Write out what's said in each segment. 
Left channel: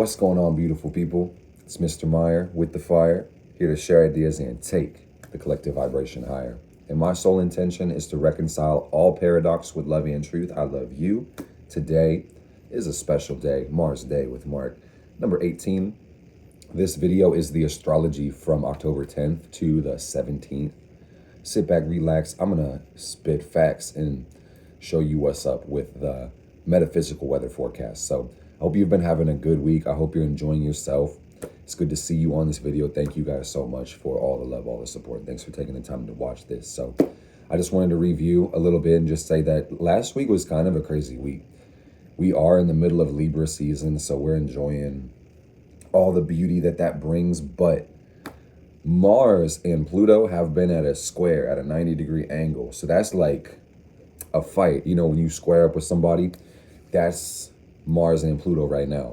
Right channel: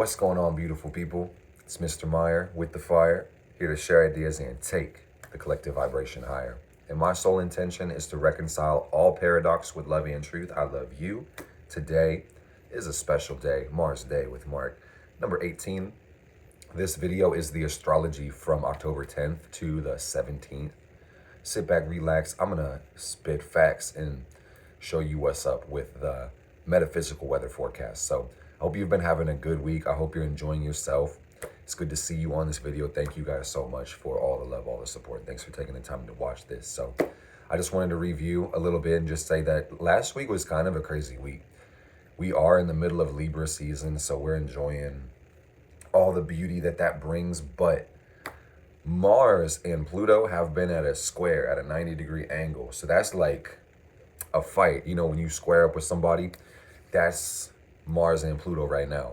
What's going on, beautiful people? It's Mr. Meyer with the fire, here to share ideas and take the collective vibration higher. And my sole intention is to reconcile all paradox with love and truth. I love you. Today is a special day, Mars Day with Mark, number 18. This video is the astrology from October 10th to the 17th. Sit back, relax. I'm gonna spit facts and show you what's up with the metaphysical weather forecast. So I hope you've been having a good week. I hope you're enjoying yourself. It's good to see you on this video. Thank you guys so much for all the love, all the support. Thanks for taking the time to watch this. So I just wanted to review a little bit and just say that last week was kind of a crazy week. We are in the middle of Libra season, so we're enjoying all the beauty that brings, but Mars and Pluto have been at a square, at a 90-degree angle. So that's like a fight. You know, when you square up with somebody, that's Mars and Pluto right now.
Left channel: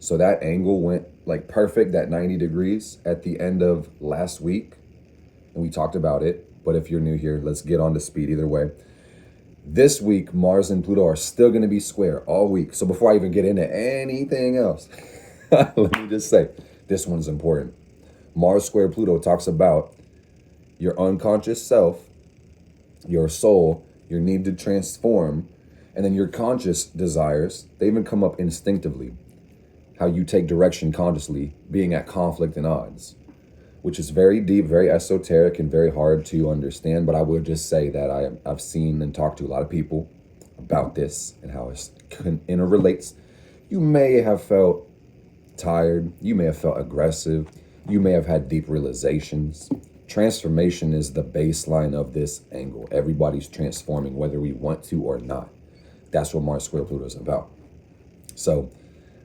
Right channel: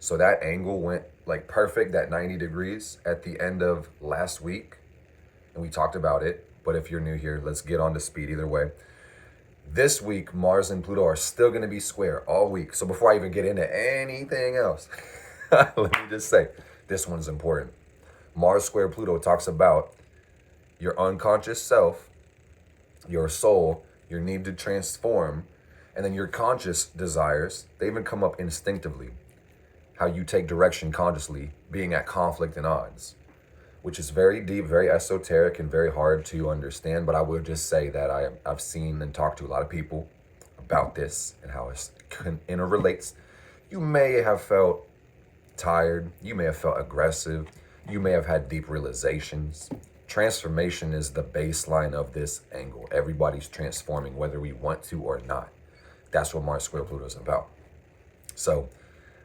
So that angle went like perfect, that 90 degrees at the end of last week. And we talked about it. But if you're new here, let's get on to speed either way. This week, Mars and Pluto are still going to be square all week. So before I even get into anything else, let me just say, this one's important. Mars square Pluto talks about your unconscious self, your soul, your need to transform, and then your conscious desires. They even come up instinctively. How you take direction consciously, being at conflict and odds, which is very deep, very esoteric, and very hard to understand. But I will just say that I've seen and talked to a lot of people about this and how it interrelates. You may have felt tired. You may have felt aggressive. You may have had deep realizations. Transformation is the baseline of this angle. Everybody's transforming, whether we want to or not. That's what Mars square Pluto is about. So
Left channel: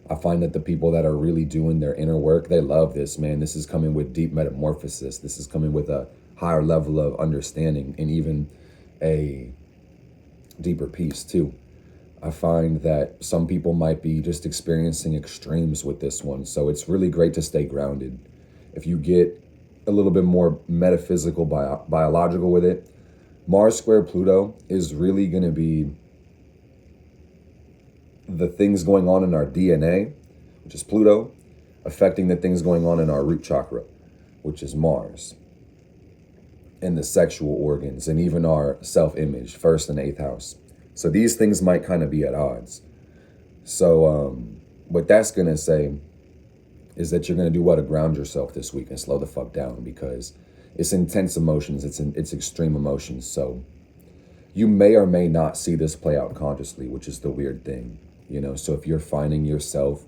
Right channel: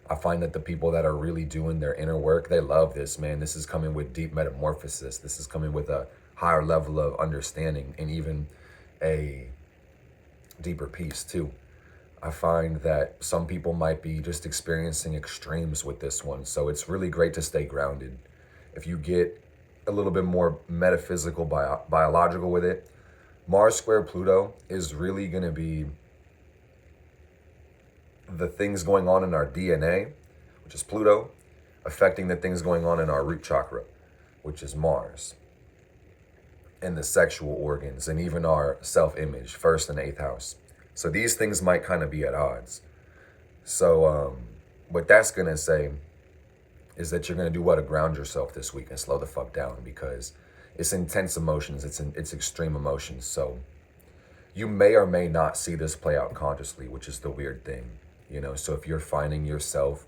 I find that the people that are really doing their inner work, they love this, man. This is coming with deep metamorphosis. This is coming with a higher level of understanding and even a deeper peace too. I find that some people might be just experiencing extremes with this one. So it's really great to stay grounded. If you get a little bit more metaphysical, biological with it, Mars square Pluto is really going to be the things going on in our DNA, which is Pluto, affecting the things going on in our root chakra, which is Mars, and the sexual organs, and even our self-image, first and eighth house. So these things might kind of be at odds. So what that's going to say is that you're going to do what to ground yourself this week and slow the fuck down, because it's intense emotions. It's extreme emotions. So you may or may not see this play out consciously, which is the weird thing, you know. So if you're finding yourself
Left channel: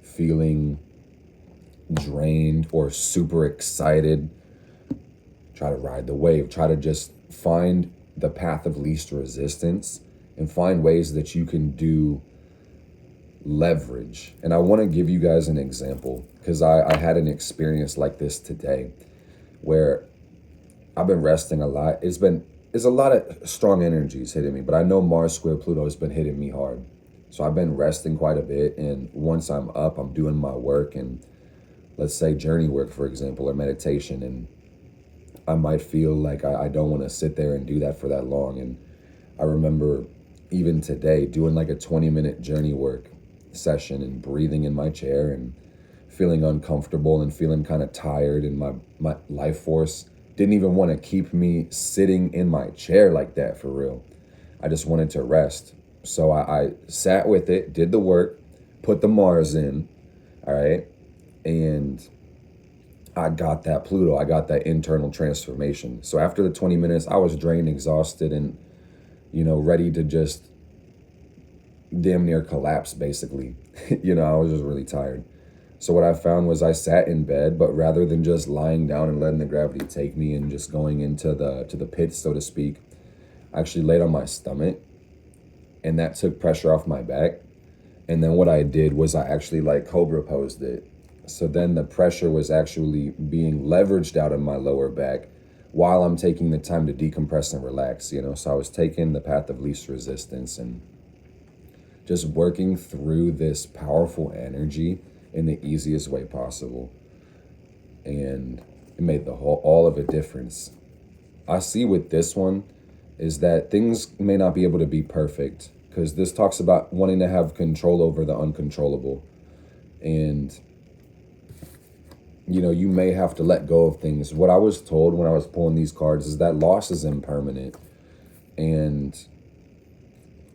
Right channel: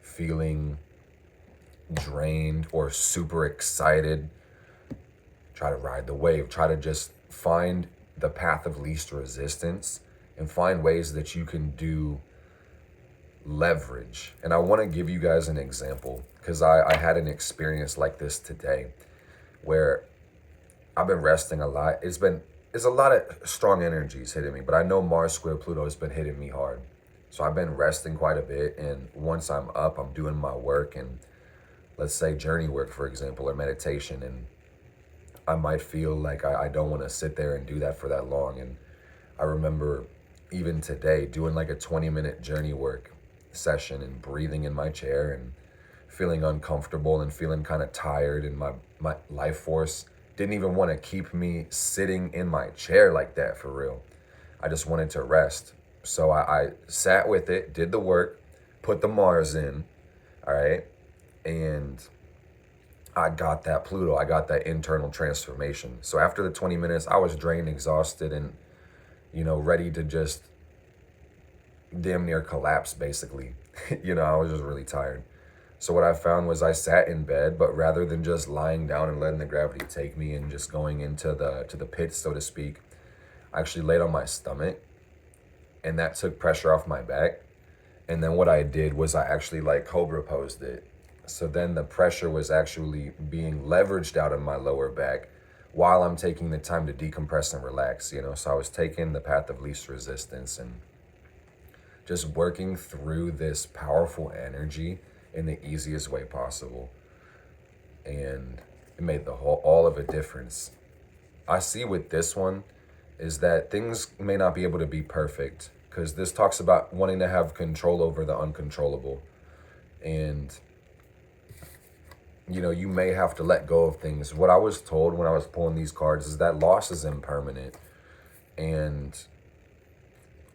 feeling drained or super excited, try to ride the wave. Try to just find the path of least resistance and find ways that you can do leverage. And I want to give you guys an example, because I had an experience like this today where I've been resting a lot. It's a lot of strong energies hitting me, but I know Mars square Pluto has been hitting me hard. So I've been resting quite a bit, and once I'm up, I'm doing my work, and let's say journey work, for example, or meditation, and I might feel like I don't want to sit there and do that for that long. And I remember even today doing like a 20-minute journey work session and breathing in my chair and feeling uncomfortable and feeling kind of tired, and my life force didn't even want to keep me sitting in my chair like that for real. I just wanted to rest. So I sat with it, did the work, put the Mars in, all right, and I got that Pluto, I got that internal transformation. So after the 20 minutes, I was drained, exhausted, and, you know, ready to just damn near collapse, basically. You know, I was just really tired. So what I found was I sat in bed, but rather than just lying down and letting the gravity take me and just going into the pit, so to speak, I actually laid on my stomach, and that took pressure off my back. And then what I did was I actually like cobra posed it. So then the pressure was actually being leveraged out of my lower back while I'm taking the time to decompress and relax, you know. So I was taking the path of least resistance and just working through this powerful energy in the easiest way possible. And it made all of a difference. I see with this one is that things may not be able to be perfect, because this talks about wanting to have control over the uncontrollable. And, you know, you may have to let go of things. What I was told when I was pulling these cards is that loss is impermanent. And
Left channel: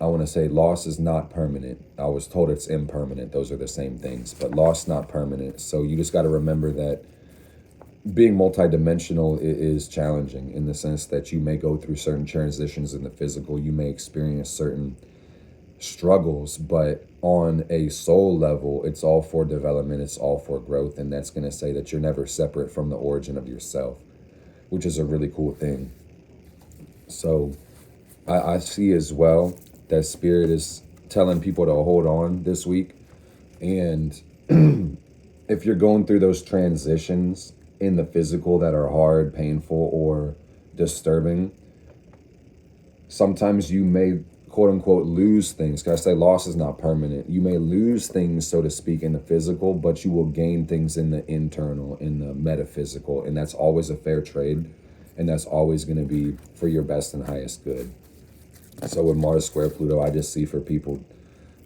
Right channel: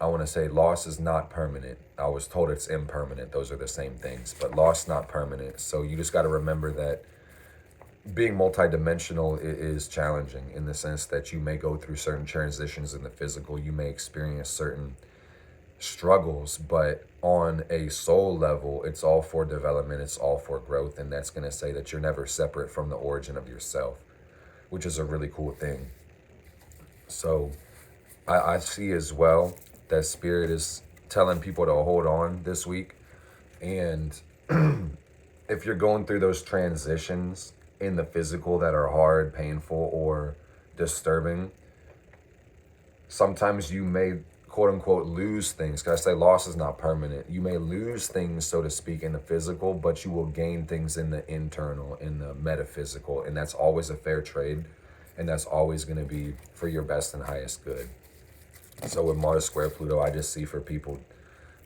I want to say loss is not permanent. I was told it's impermanent. Those are the same things, but loss not permanent. So you just got to remember that being multidimensional is challenging in the sense that you may go through certain transitions in the physical. You may experience certain struggles, but on a soul level, it's all for development. It's all for growth. And that's going to say that you're never separate from the origin of yourself, which is a really cool thing. So I see as well that Spirit is telling people to hold on this week. And if you're going through those transitions in the physical that are hard, painful, or disturbing, sometimes you may, quote unquote, lose things. Because I say loss is not permanent. You may lose things, so to speak, in the physical, but you will gain things in the internal, in the metaphysical. And that's always a fair trade. And that's always going to be for your best and highest good. So with Mars square Pluto, I just see for people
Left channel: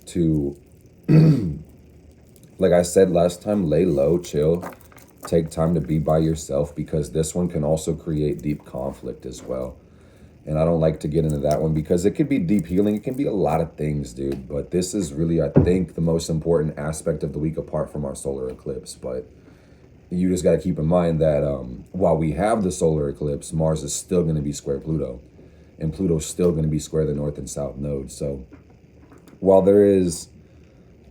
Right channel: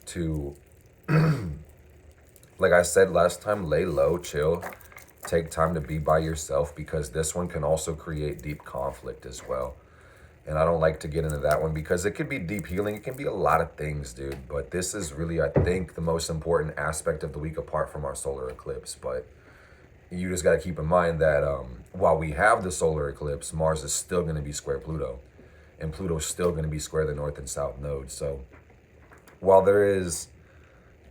to, like I said last time, lay low, chill, take time to be by yourself, because this one can also create deep conflict as well. And I don't like to get into that one because it could be deep healing. It can be a lot of things, dude. But this is really, I think, the most important aspect of the week apart from our solar eclipse. But you just got to keep in mind that while we have the solar eclipse, Mars is still going to be square Pluto. And Pluto's still going to be square the north and south node. So while there is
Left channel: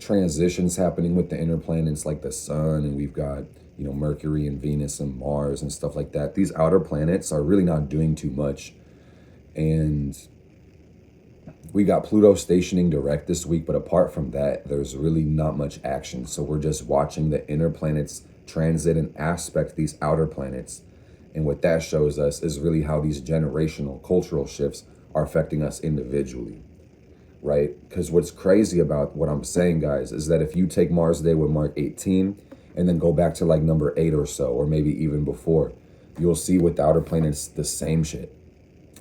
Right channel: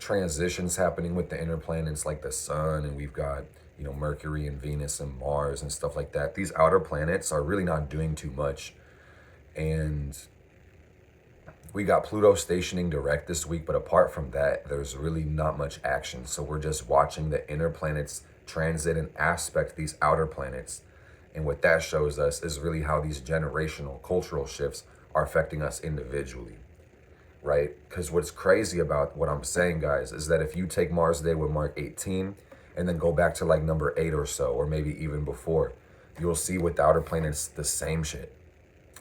transitions happening with the inner planets like the sun, and we've got, you know, Mercury and Venus and Mars and stuff like that, these outer planets are really not doing too much. And we got Pluto stationing direct this week, but apart from that, there's really not much action. So we're just watching the inner planets transit and aspect these outer planets. And what that shows us is really how these generational cultural shifts are affecting us individually, right? Because what's crazy about what I'm saying, guys, is that if you take Mars Day with Mark 18 and then go back to like number 8 or so, or maybe even before, you'll see with the outer planets the same shit,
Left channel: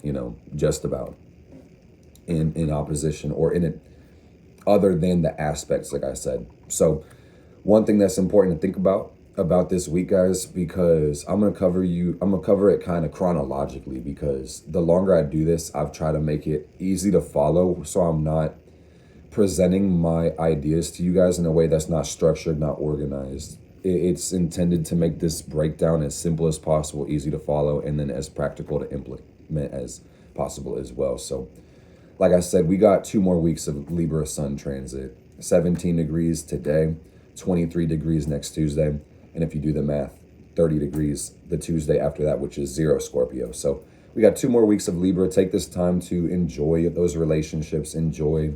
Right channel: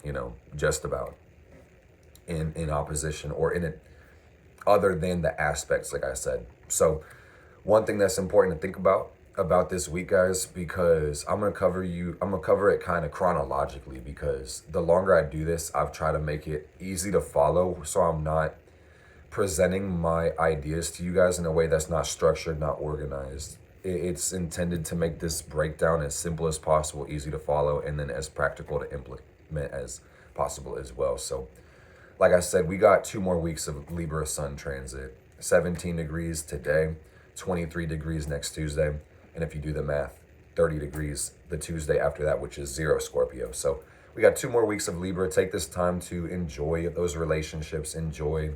you know, just about in opposition or in it, other than the aspects, like I said. So one thing that's important to think about this week, guys, because I'm gonna cover it kind of chronologically, because the longer I do this, I've tried to make it easy to follow, so I'm not presenting my ideas to you guys in a way that's not structured, not organized. It's intended to make this breakdown as simple as possible, easy to follow, and then as practical to implement as possible as well. So like I said, we got 2 more weeks of Libra sun transit. 17 degrees today, 23 degrees next Tuesday. And if you do the math, 30 degrees the Tuesday after that, which is 0 Scorpio. So we got 2 more weeks of Libra. Take this time to enjoy those relationships, enjoy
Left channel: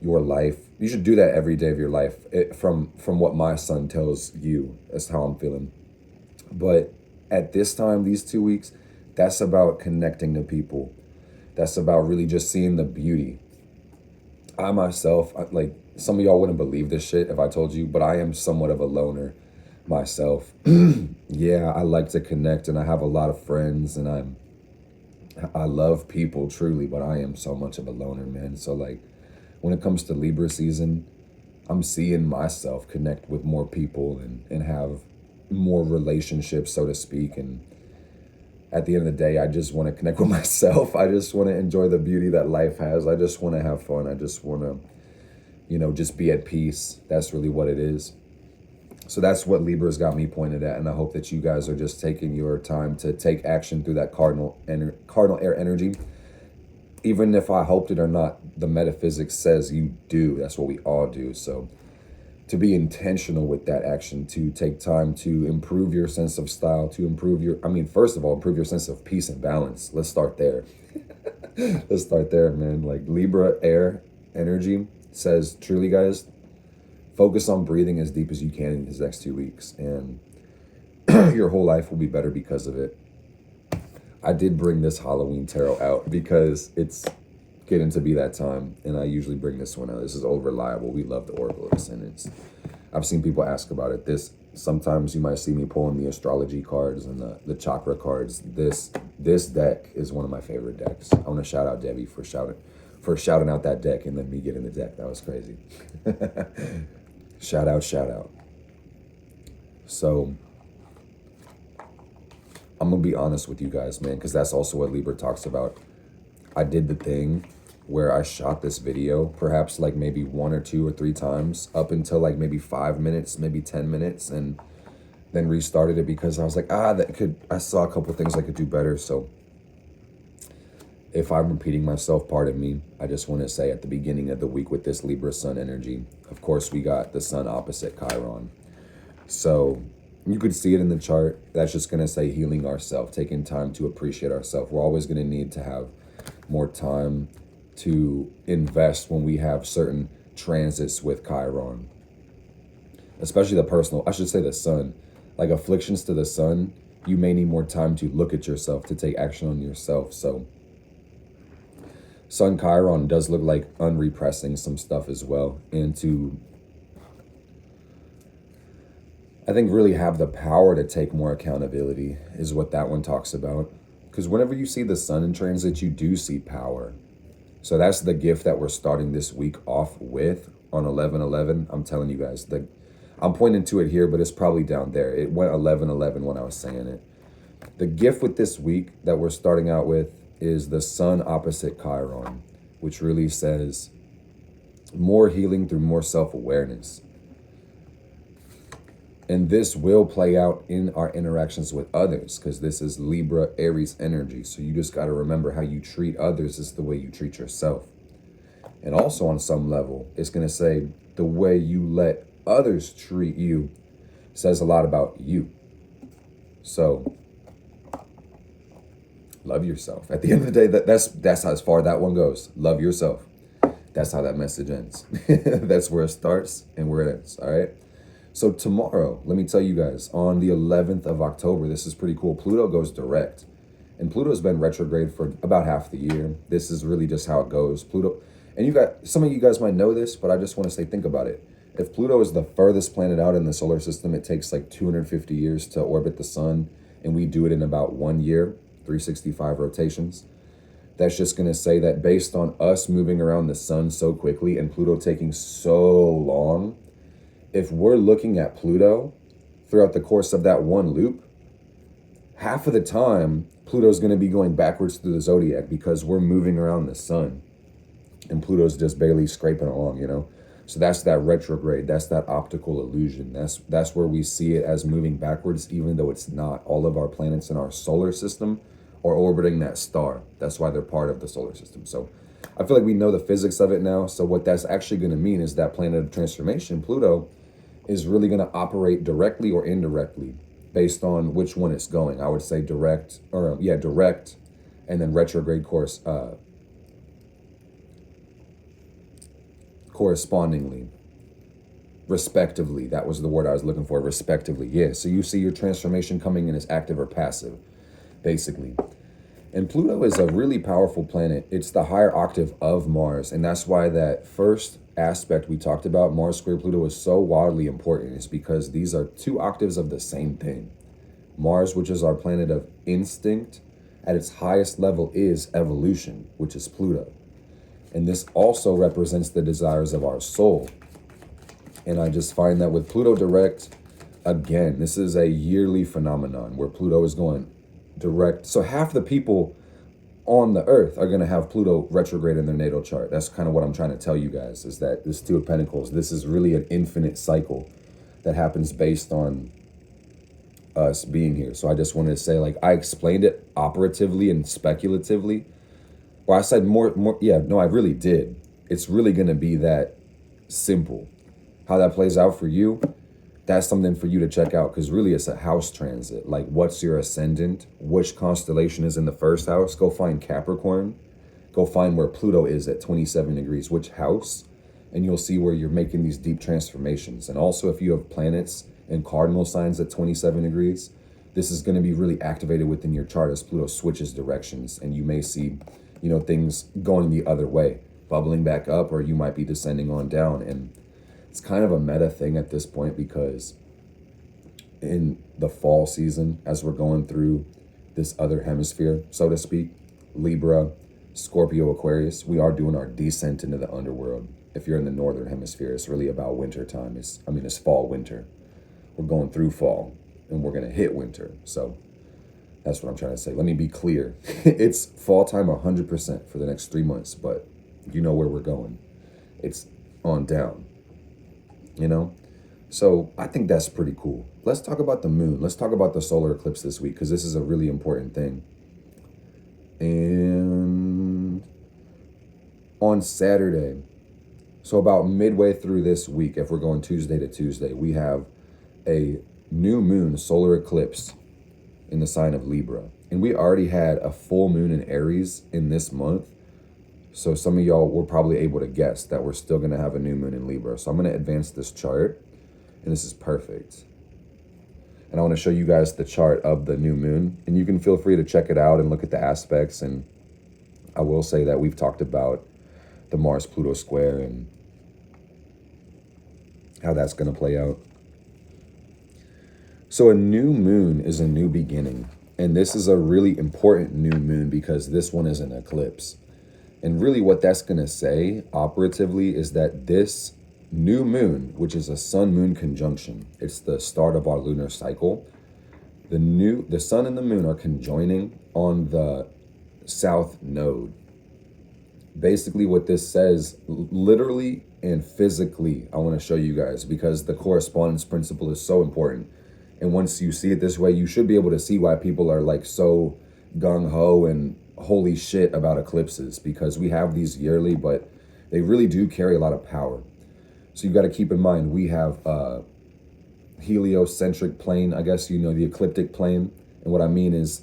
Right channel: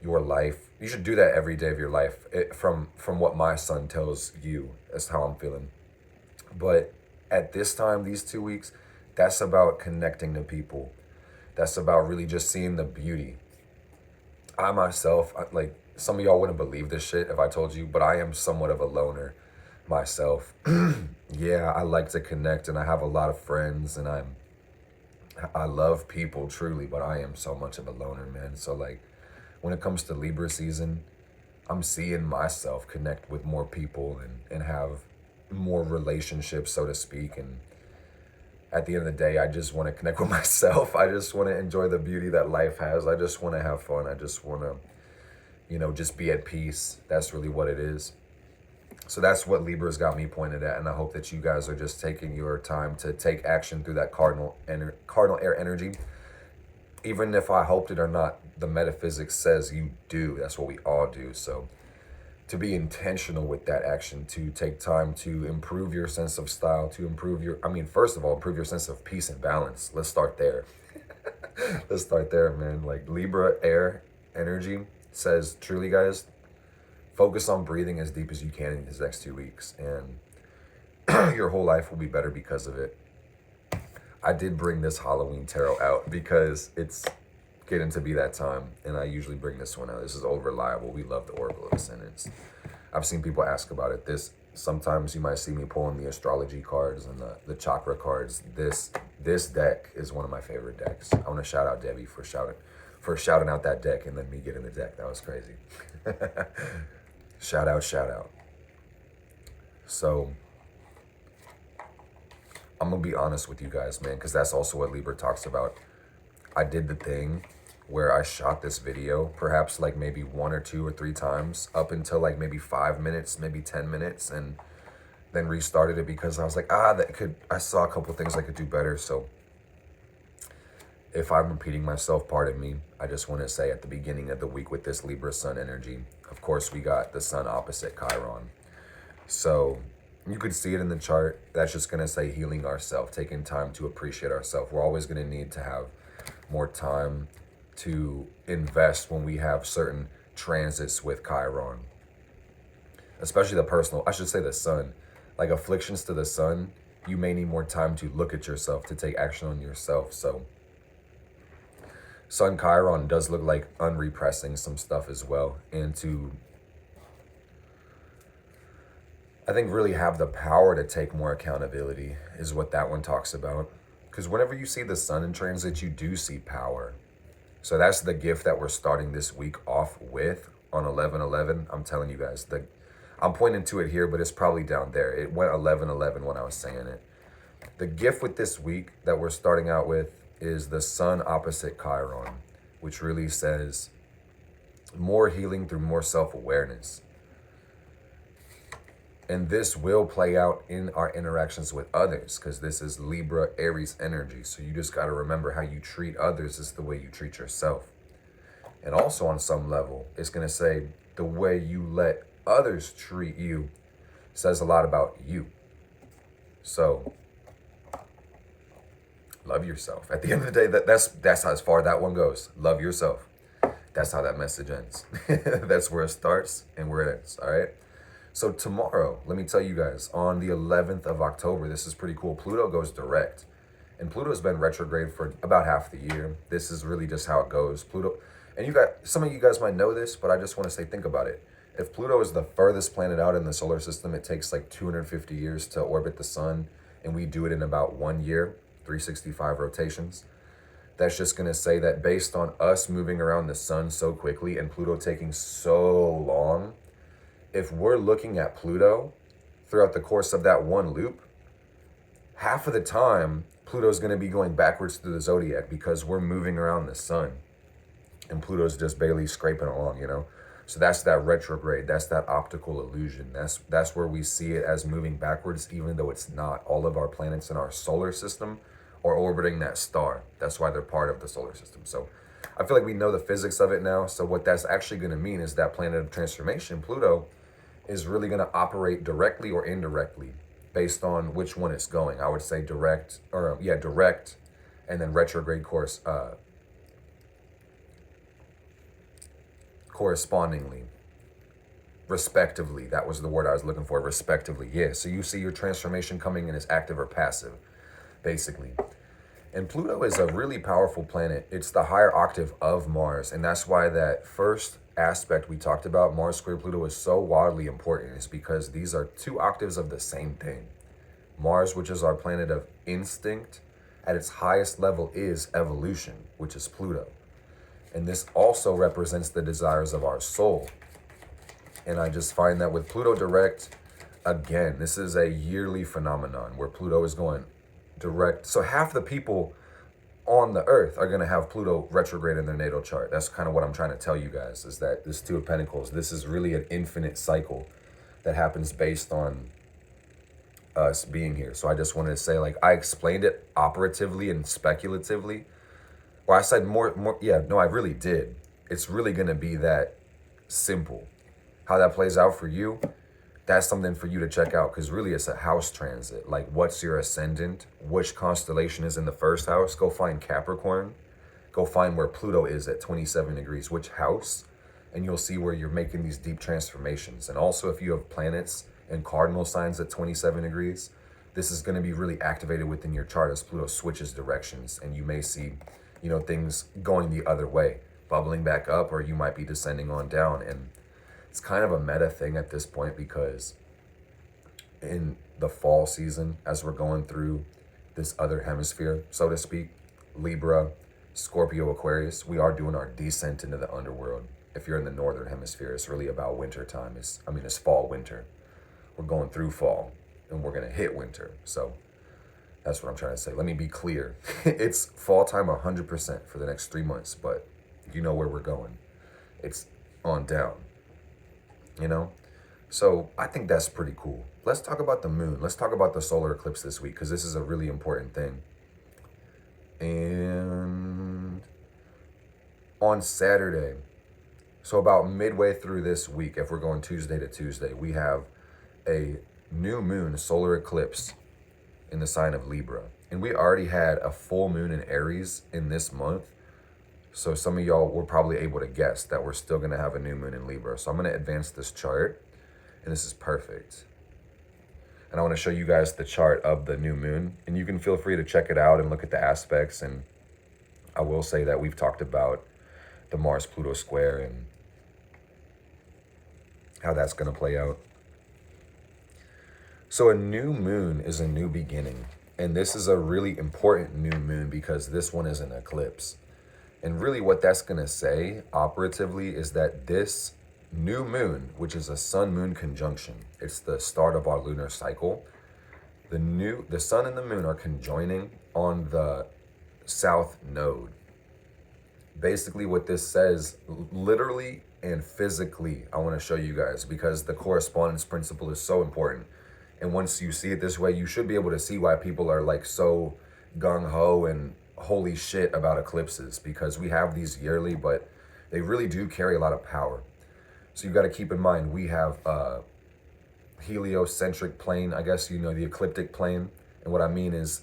your life. You should do that every day of your life. From what my sun tells you, that's how I'm feeling. But at this time, these 2 weeks, that's about connecting to people. That's about really just seeing the beauty. I myself, like, some of y'all wouldn't believe this shit if I told you, but I am somewhat of a loner myself. Yeah, I like to connect, and I have a lot of friends, and I love people truly, but I am so much of a loner, man. So like when it comes to Libra season, I'm seeing myself connect with more people and have more relationships, so to speak. And at the end of the day, I just want to connect with myself. I just want to enjoy the beauty that life has. I just want to have fun. I just want to, you know, just be at peace. That's really what it is. So that's what Libra's got me pointed at, and I hope that you guys are just taking your time to take action through that cardinal air energy. Even if I hoped it or not, the metaphysics says you do. That's what we all do. So to be intentional with that action, to take time to improve your sense of style, to improve your, first of all, improve your sense of peace and balance. Let's start there. Let's start there, man. Like Libra air energy says, truly, guys, focus on breathing as deep as you can in these next 2 weeks, and your whole life will be better because of it. I did bring this Halloween tarot out because it's getting to be that time, and I usually bring this one out. This is old reliable. We love the Oracle of Ascendants. I've seen people ask about it. Sometimes you might see me pulling the astrology cards and the chakra cards. This deck is one of my favorite decks. I want to shout out Debbie for shouting out that deck and then me getting the deck. That was crazy. Shout out. So I'm gonna be honest with you guys, man, because that's also what Libra talks about. I did the thing where I shot this video perhaps like maybe 1 or 2 or 3 times up until like maybe 5 minutes, maybe 10 minutes, and then restarted it because I was like, I saw a couple things I could do better. So if I'm repeating myself, pardon me. I just want to say at the beginning of the week with this Libra Sun energy, of course, we got the Sun opposite Chiron. So you could see it in the chart. That's just going to say healing ourselves, taking time to appreciate ourselves. We're always going to need to have more time to invest when we have certain transits with Chiron, especially the personal, I should say the Sun. Like afflictions to the Sun, you may need more time to look at yourself, to take action on yourself. So Sun Chiron does look like unrepressing some stuff as well, and to, I think, really have the power to take more accountability is what that one talks about. Because whenever you see the Sun in transit, you do see power. So that's the gift that we're starting this week off with on 11/11. I'm telling you guys, I'm pointing to it here, but it's probably down there. It went 11/11 when I was saying it. The gift with this week that we're starting out with is the Sun opposite Chiron, which really says more healing through more self-awareness. And this will play out in our interactions with others, because this is Libra Aries energy. So you just got to remember how you treat others is the way you treat yourself. And also on some level, it's going to say the way you let others treat you says a lot about you. So love yourself. At the end of the day, that's how as far that one goes. Love yourself. That's how that message ends. That's where it starts and where it ends. All right. So tomorrow, let me tell you guys, on the 11th of October, this is pretty cool. Pluto goes direct. And Pluto's been retrograde for about half the year. This is really just how it goes. Pluto, and some of you guys might know this, but I just want to say, think about it. If Pluto is the furthest planet out in the solar system, it takes like 250 years to orbit the sun, and we do it in about 1 year, 365 rotations. That's just going to say that based on us moving around the sun so quickly and Pluto taking so long, if we're looking at Pluto throughout the course of that one loop, half of the time, Pluto's going to be going backwards through the zodiac because we're moving around the sun and Pluto's just barely scraping along, you know? So that's that retrograde. That's that optical illusion. That's where we see it as moving backwards, even though it's not. All of our planets in our solar system are orbiting that star. That's why they're part of the solar system. So I feel like we know the physics of it now. So what that's actually going to mean is that planet of transformation, Pluto, is really going to operate directly or indirectly based on which one it's going. I would say direct, and then retrograde course correspondingly, respectively. That was the word I was looking for, respectively. Yeah, so you see your transformation coming in as active or passive, basically. And Pluto is a really powerful planet. It's the higher octave of Mars, and that's why that first aspect we talked about, Mars square Pluto, is so wildly important. Is because these are 2 octaves of the same thing. Mars, which is our planet of instinct, at its highest level is evolution, which is Pluto. And this also represents the desires of our soul. And I just find that with Pluto direct, again, this is a yearly phenomenon where Pluto is going direct. So half the people on the earth are going to have Pluto retrograde in their natal chart. That's kind of what I'm trying to tell you guys, is that this 2 of Pentacles, this is really an infinite cycle that happens based on us being here. So I just wanted to say, like, I explained it operatively and speculatively. Or I said I really did. It's really going to be that simple. How that plays out for you, that's something for you to check out, because really it's a house transit. Like, what's your ascendant? Which constellation is in the first house? Go find Capricorn. Go find where Pluto is at 27 degrees, which house, and you'll see where you're making these deep transformations. And also, if you have planets and cardinal signs at 27 degrees, this is going to be really activated within your chart as Pluto switches directions, and you may see, things going the other way, bubbling back up, or you might be descending on down. And it's kind of a meta thing at this point, because in the fall season, as we're going through this other hemisphere, so to speak, Libra, Scorpio, Aquarius, we are doing our descent into the underworld. If you're in the northern hemisphere, it's really about winter time. It's fall, winter. we're going through fall and we're going to hit winter. So that's what I'm trying to say. Let me be clear. It's fall time 100% for the next 3 months, but you know where we're going. It's on down, you know? So I think that's pretty cool. Let's talk about the moon. Let's talk about the solar eclipse this week, because this is a really important thing. And on Saturday, so about midway through this week, if we're going Tuesday to Tuesday, we have a new moon solar eclipse in the sign of Libra. And we already had a full moon in Aries in this month. So some of y'all were probably able to guess that we're still going to have a new moon in Libra. So I'm going to advance this chart, and this is perfect. And I want to show you guys the chart of the new moon, and you can feel free to check it out and look at the aspects. And I will say that we've talked about the Mars-Pluto square and how that's going to play out. So a new moon is a new beginning, and this is a really important new moon because this one is an eclipse. And really what that's going to say operatively is that this new moon, which is a sun-moon conjunction, it's the start of our lunar cycle. The sun and the moon are conjoining on the south node. Basically what this says, literally and physically, I want to show you guys, because the correspondence principle is so important. And once you see it this way, you should be able to see why people are like so gung-ho and holy shit about eclipses, because we have these yearly, but they really do carry a lot of power. So you've got to keep in mind, we have a heliocentric plane, I guess, you know, the ecliptic plane. And what I mean is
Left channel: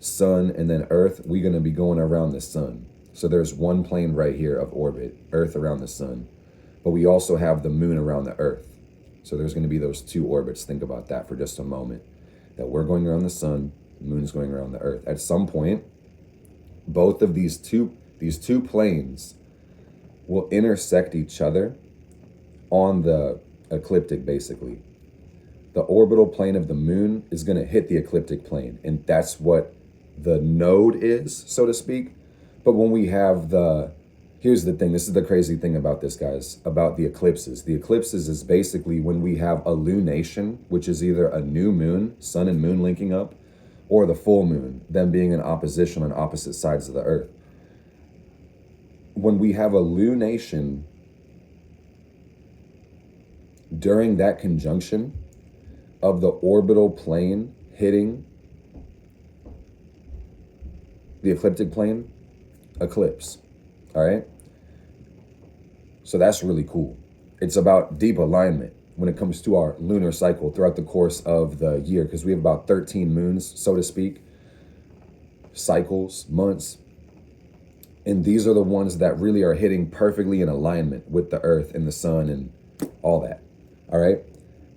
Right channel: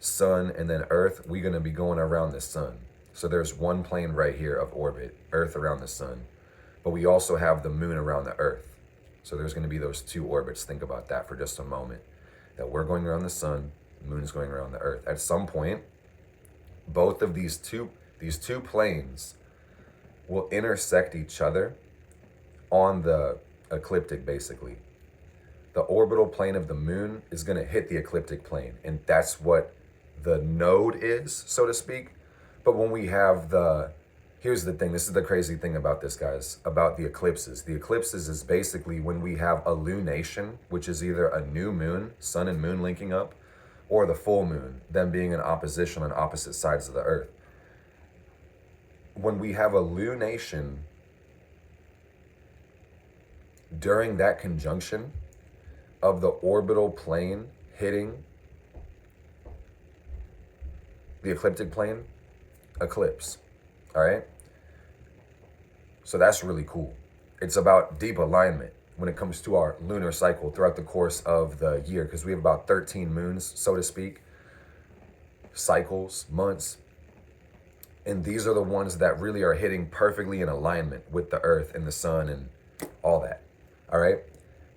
sun and then earth, we're going to be going around the sun. So there's one plane right here of orbit, earth around the sun. But we also have the moon around the earth. So there's going to be those two orbits. Think about that for just a moment. That we're going around the sun, the moon is going around the earth. At some point, both of these two planes will intersect each other on the ecliptic, basically. The orbital plane of the moon is going to hit the ecliptic plane, and that's what the node is, so to speak. But when we have here's the thing, this is the crazy thing about this, guys, about the eclipses. The eclipses is basically when we have a lunation, which is either a new moon, sun and moon linking up, or the full moon, them being in opposition on opposite sides of the earth. When we have a lunation, during that conjunction of the orbital plane hitting the ecliptic plane, eclipse. All right. So that's really cool. It's about deep alignment when it comes to our lunar cycle throughout the course of the year, because we have about 13 moons, so to speak, cycles, months. And these are the ones that really are hitting perfectly in alignment with the earth and the sun and all that. All right.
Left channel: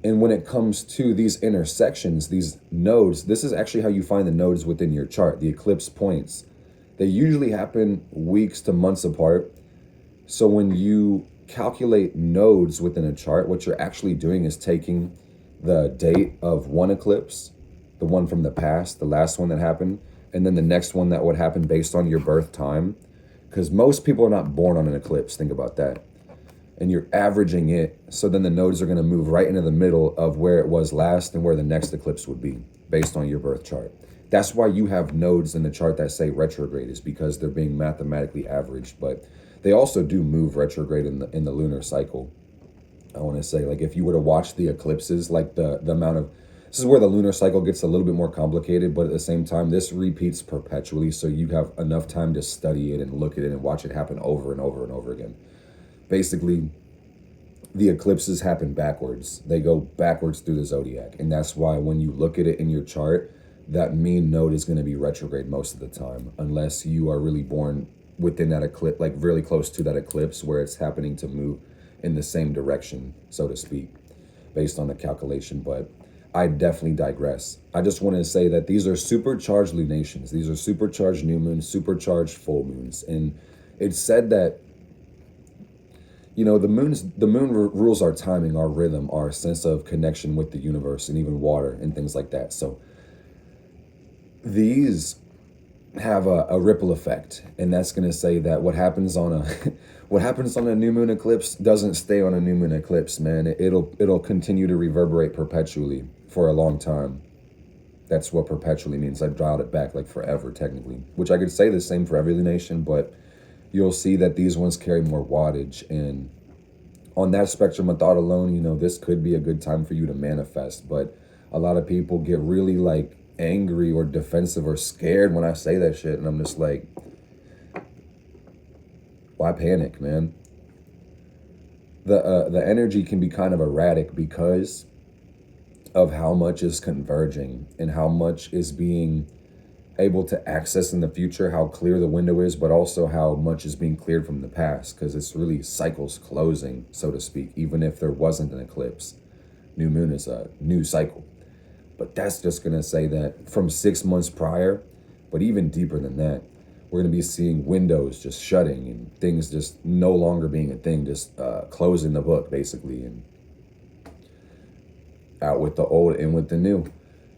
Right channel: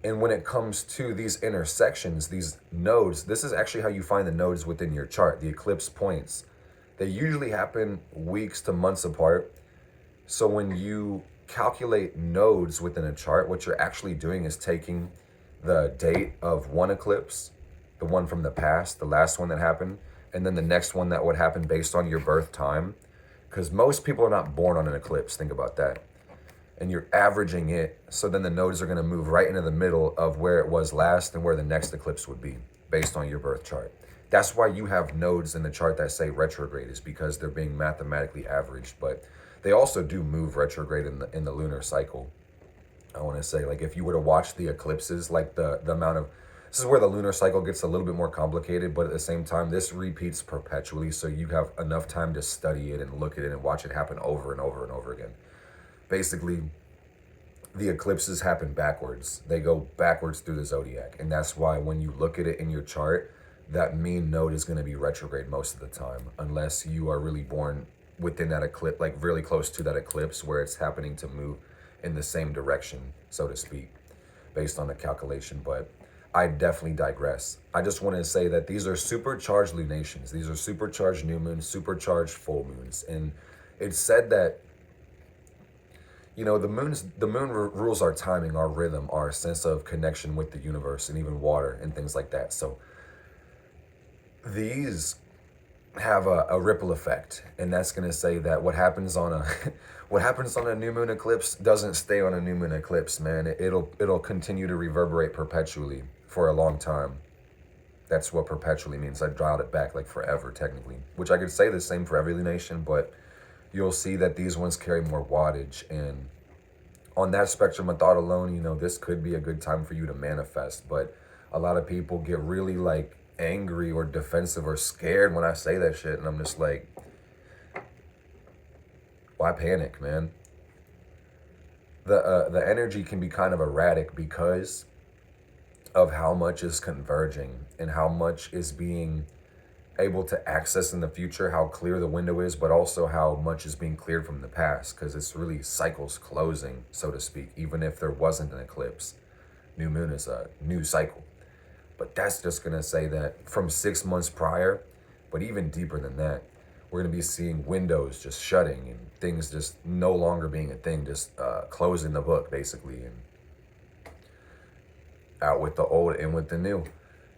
And when it comes to these intersections, these nodes, this is actually how you find the nodes within your chart, the eclipse points. They usually happen weeks to months apart. So when you calculate nodes within a chart, what you're actually doing is taking the date of one eclipse, the one from the past, the last one that happened, and then the next one that would happen based on your birth time. Because most people are not born on an eclipse, think about that. And you're averaging it, so then the nodes are going to move right into the middle of where it was last and where the next eclipse would be based on your birth chart. That's why you have nodes in the chart that say retrograde, is because they're being mathematically averaged, but they also do move retrograde in the lunar cycle. I want to say, like, if you were to watch the eclipses, like the amount of, this is where the lunar cycle gets a little bit more complicated, but at the same time, this repeats perpetually, so you have enough time to study it and look at it and watch it happen over and over and over again. Basically, the eclipses happen backwards. They go backwards through the zodiac, and that's why when you look at it in your chart, that mean node is going to be retrograde most of the time, unless you are really born within that eclipse, like really close to that eclipse where it's happening to move in the same direction, so to speak, based on the calculation. But I definitely digress. I just want to say that these are supercharged lunations. These are supercharged new moons, supercharged full moons. And it's said that, you know, the moon rules our timing, our rhythm, our sense of connection with the universe, and even water and things like that. So these have a ripple effect, and that's going to say that what happens on a what happens on a new moon eclipse doesn't stay on a new moon eclipse, man. It'll continue to reverberate perpetually for a long time. That's what perpetually means. I dialed it back like forever, technically, which I could say the same for every nation, but you'll see that these ones carry more wattage. And on that spectrum of thought alone, you know, this could be a good time for you to manifest. But a lot of people get really like angry or defensive or scared when I say that shit, and I'm just like, why panic, man? The energy can be kind of erratic because of how much is converging and how much is being able to access in the future, how clear the window is, but also how much is being cleared from the past, because it's really cycles closing, so to speak. Even if there wasn't an eclipse, new moon is a new cycle. But that's just going to say that from 6 months prior, but even deeper than that, we're going to be seeing windows just shutting and things just no longer being a thing, just closing the book, basically, and out with the old, in with the new.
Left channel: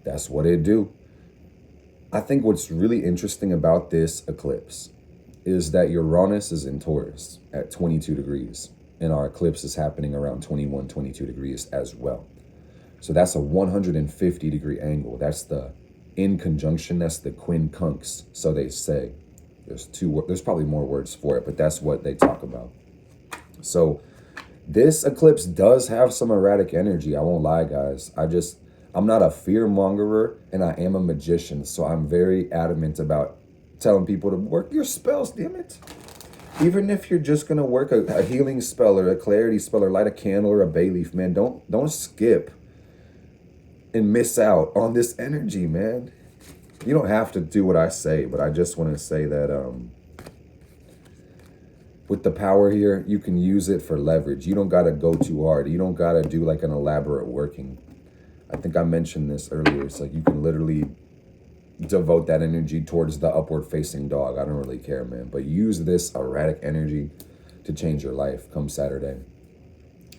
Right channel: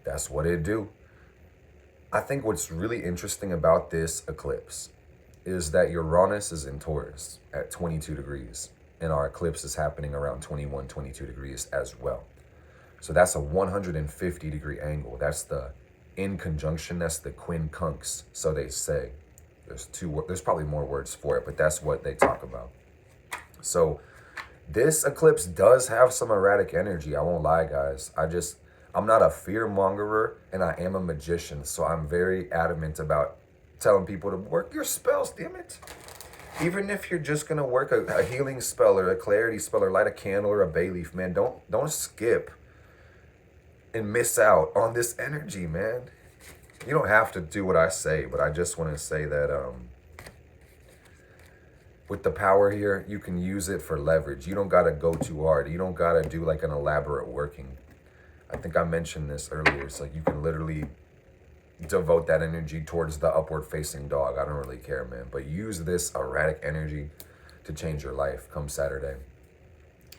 That's what it do. I think what's really interesting about this eclipse is that Uranus is in Taurus at 22 degrees, and our eclipse is happening around 21, 22 degrees as well. So that's a 150-degree angle. That's the in conjunction. That's the quincunx, so they say. There's probably more words for it, but that's what they talk about. So this eclipse does have some erratic energy. I won't lie, guys. I'm not a fear mongerer, and I am a magician, so I'm very adamant about telling people to work your spells, damn it. Even if you're just gonna work a healing spell or a clarity spell or light a candle or a bay leaf, man, don't skip and miss out on this energy, man. You don't have to do what I say, but I just want to say that with the power here, you can use it for leverage. You don't got to go too hard. You don't got to do like an elaborate working. I think I mentioned this earlier. It's like you can literally devote that energy towards the upward facing dog. I don't really care, man. But use this erratic energy to change your life come Saturday,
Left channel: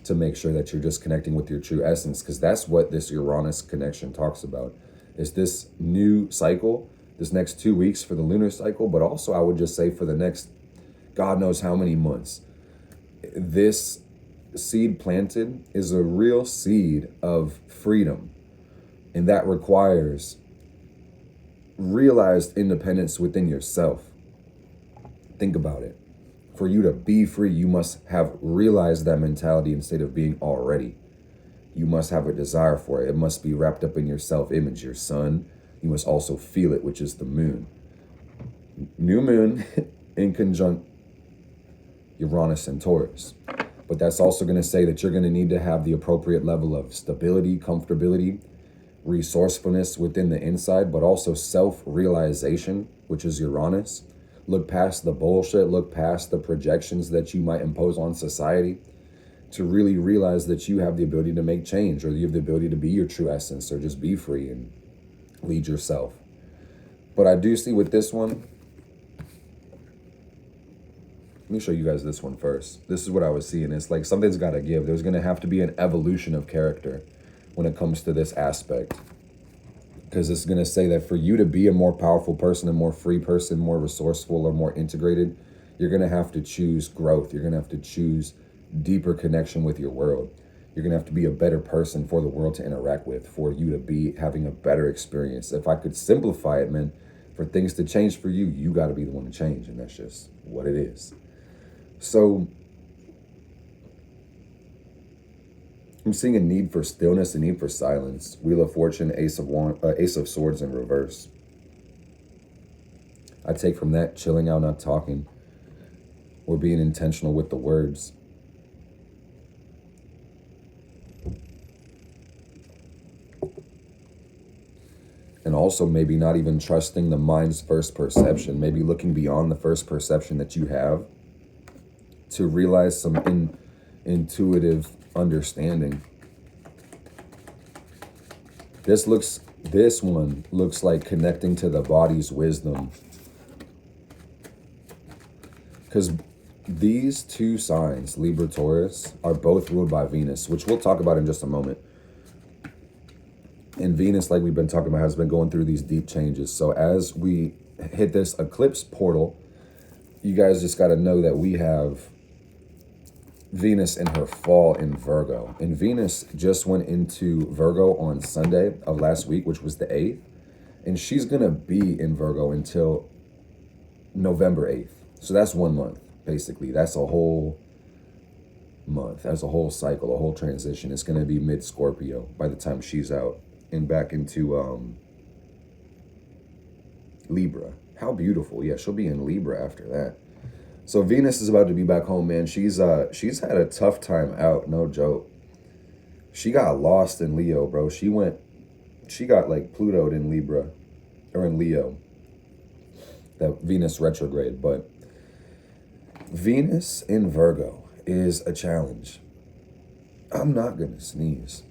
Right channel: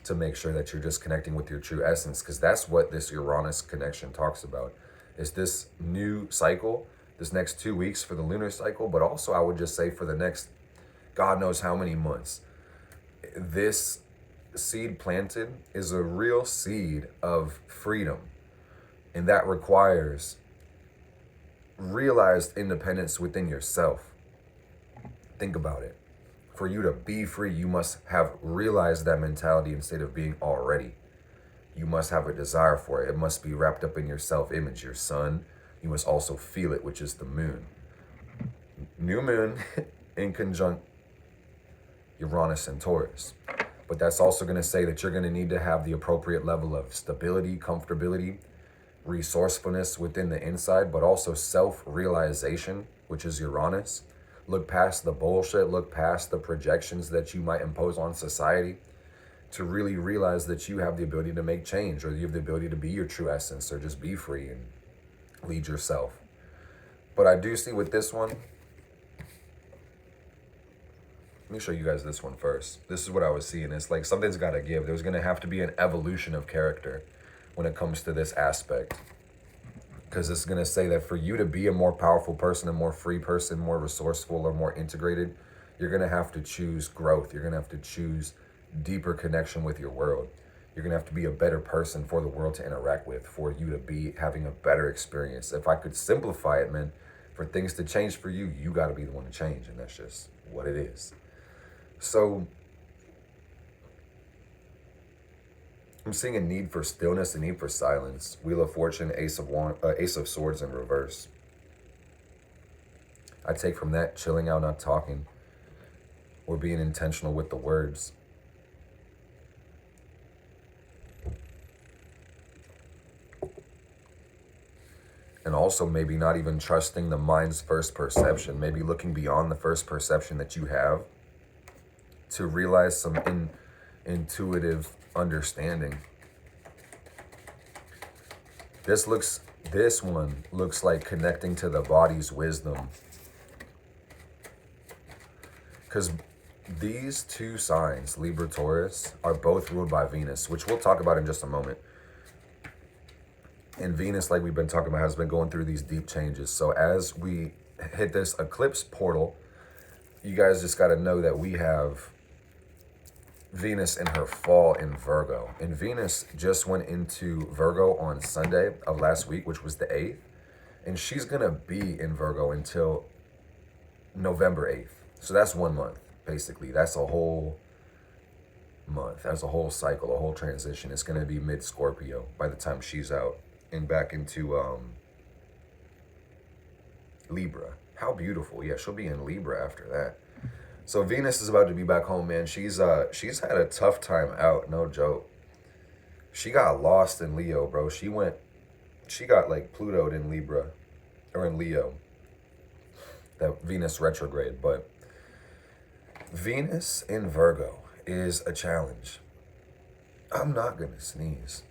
to make sure that you're just connecting with your true essence, because that's what this Uranus connection talks about. It's this new cycle, this next 2 weeks for the lunar cycle, but also I would just say for the next God knows how many months. This seed planted is a real seed of freedom, and that requires realized independence within yourself. Think about it. For you to be free, you must have realized that mentality instead of being already. You must have a desire for it. It must be wrapped up in your self-image, your sun. You must also feel it, which is the moon. New moon in conjunct Uranus and Taurus. But that's also going to say that you're going to need to have the appropriate level of stability, comfortability, resourcefulness within the inside, but also self-realization, which is Uranus. Look past the bullshit, look past the projections that you might impose on society to really realize that you have the ability to make change, or you have the ability to be your true essence, or just be free and lead yourself. But I do see with this one, let me show you guys this one first. This is what I was seeing. It's like something's got to give. There's going to have to be an evolution of character when it comes to this aspect. Because it's going to say that for you to be a more powerful person, a more free person, more resourceful, or more integrated, you're going to have to choose growth. You're going to have to choose deeper connection with your world. You're going to have to be a better person for the world to interact with, for you to be having a better experience. If I could simplify it, man, for things to change for you, you got to be the one to change. And that's just what it is. So I'm seeing a need for stillness, a need for silence. Wheel of Fortune, Ace of Swords in reverse. I take from that chilling out, not talking, or being intentional with the words. And also maybe not even trusting the mind's first perception, maybe looking beyond the first perception that you have to realize some intuitive understanding. This one looks like connecting to the body's wisdom, because these two signs, Libra, Taurus, are both ruled by Venus, which we'll talk about in just a moment. And Venus, like we've been talking about, has been going through these deep changes. So as we hit this eclipse portal, you guys just got to know that we have Venus in her fall in Virgo. And Venus just went into Virgo on Sunday of last week, which was the 8th. And she's going to be in Virgo until November 8th. So that's 1 month, basically. That's a whole month. That's a whole cycle, a whole transition. It's going to be mid-Scorpio by the time she's out and back into Libra. How beautiful. Yeah, she'll be in Libra after that. So Venus is about to be back home, man. She's had a tough time out, no joke. She got lost in Leo, bro. She got like Plutoed in Libra, or in Leo. That Venus retrograde. But Venus in Virgo is a challenge. I'm not gonna sneeze.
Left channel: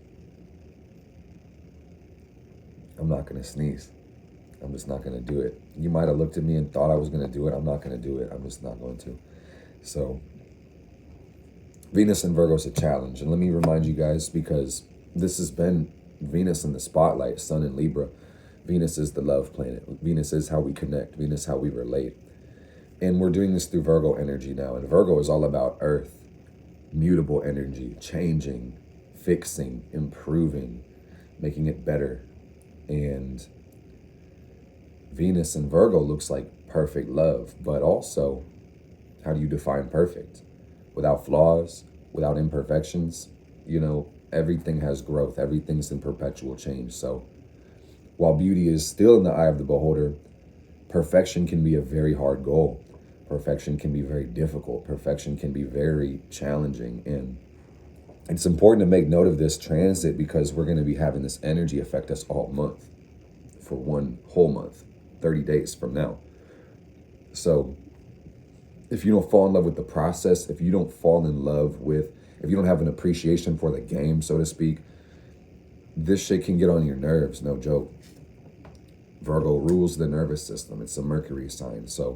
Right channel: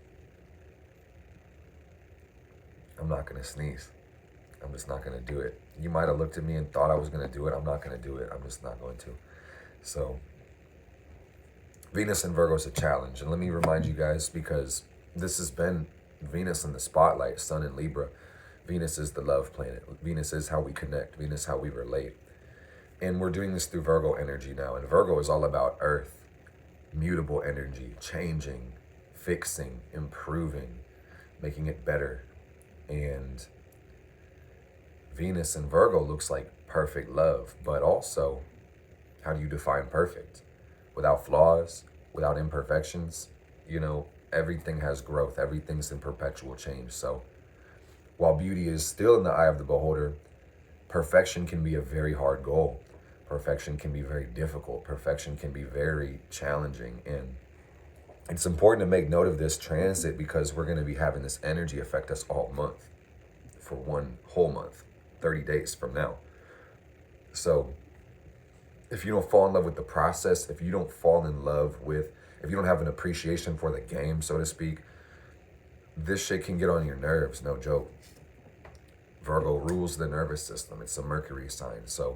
I'm not gonna sneeze. I'm just not going to do it. You might have looked at me and thought I was going to do it. I'm not going to do it. I'm just not going to. So Venus in Virgo is a challenge. And let me remind you guys, because this has been Venus in the spotlight, Sun in Libra. Venus is the love planet. Venus is how we connect. Venus is how we relate. And we're doing this through Virgo energy now. And Virgo is all about earth, mutable energy, changing, fixing, improving, making it better. And Venus in Virgo looks like perfect love, but also, how do you define perfect? Without flaws, without imperfections, you know, everything has growth, everything's in perpetual change. So while beauty is still in the eye of the beholder, perfection can be a very hard goal. Perfection can be very difficult. Perfection can be very challenging. And it's important to make note of this transit, because we're going to be having this energy affect us all month, for 1 whole month. 30 days from now. So if you don't fall in love with the process, if you don't fall in love with, if you don't have an appreciation for the game, so to speak, this shit can get on your nerves, no joke. Virgo rules the nervous system. It's a Mercury sign. So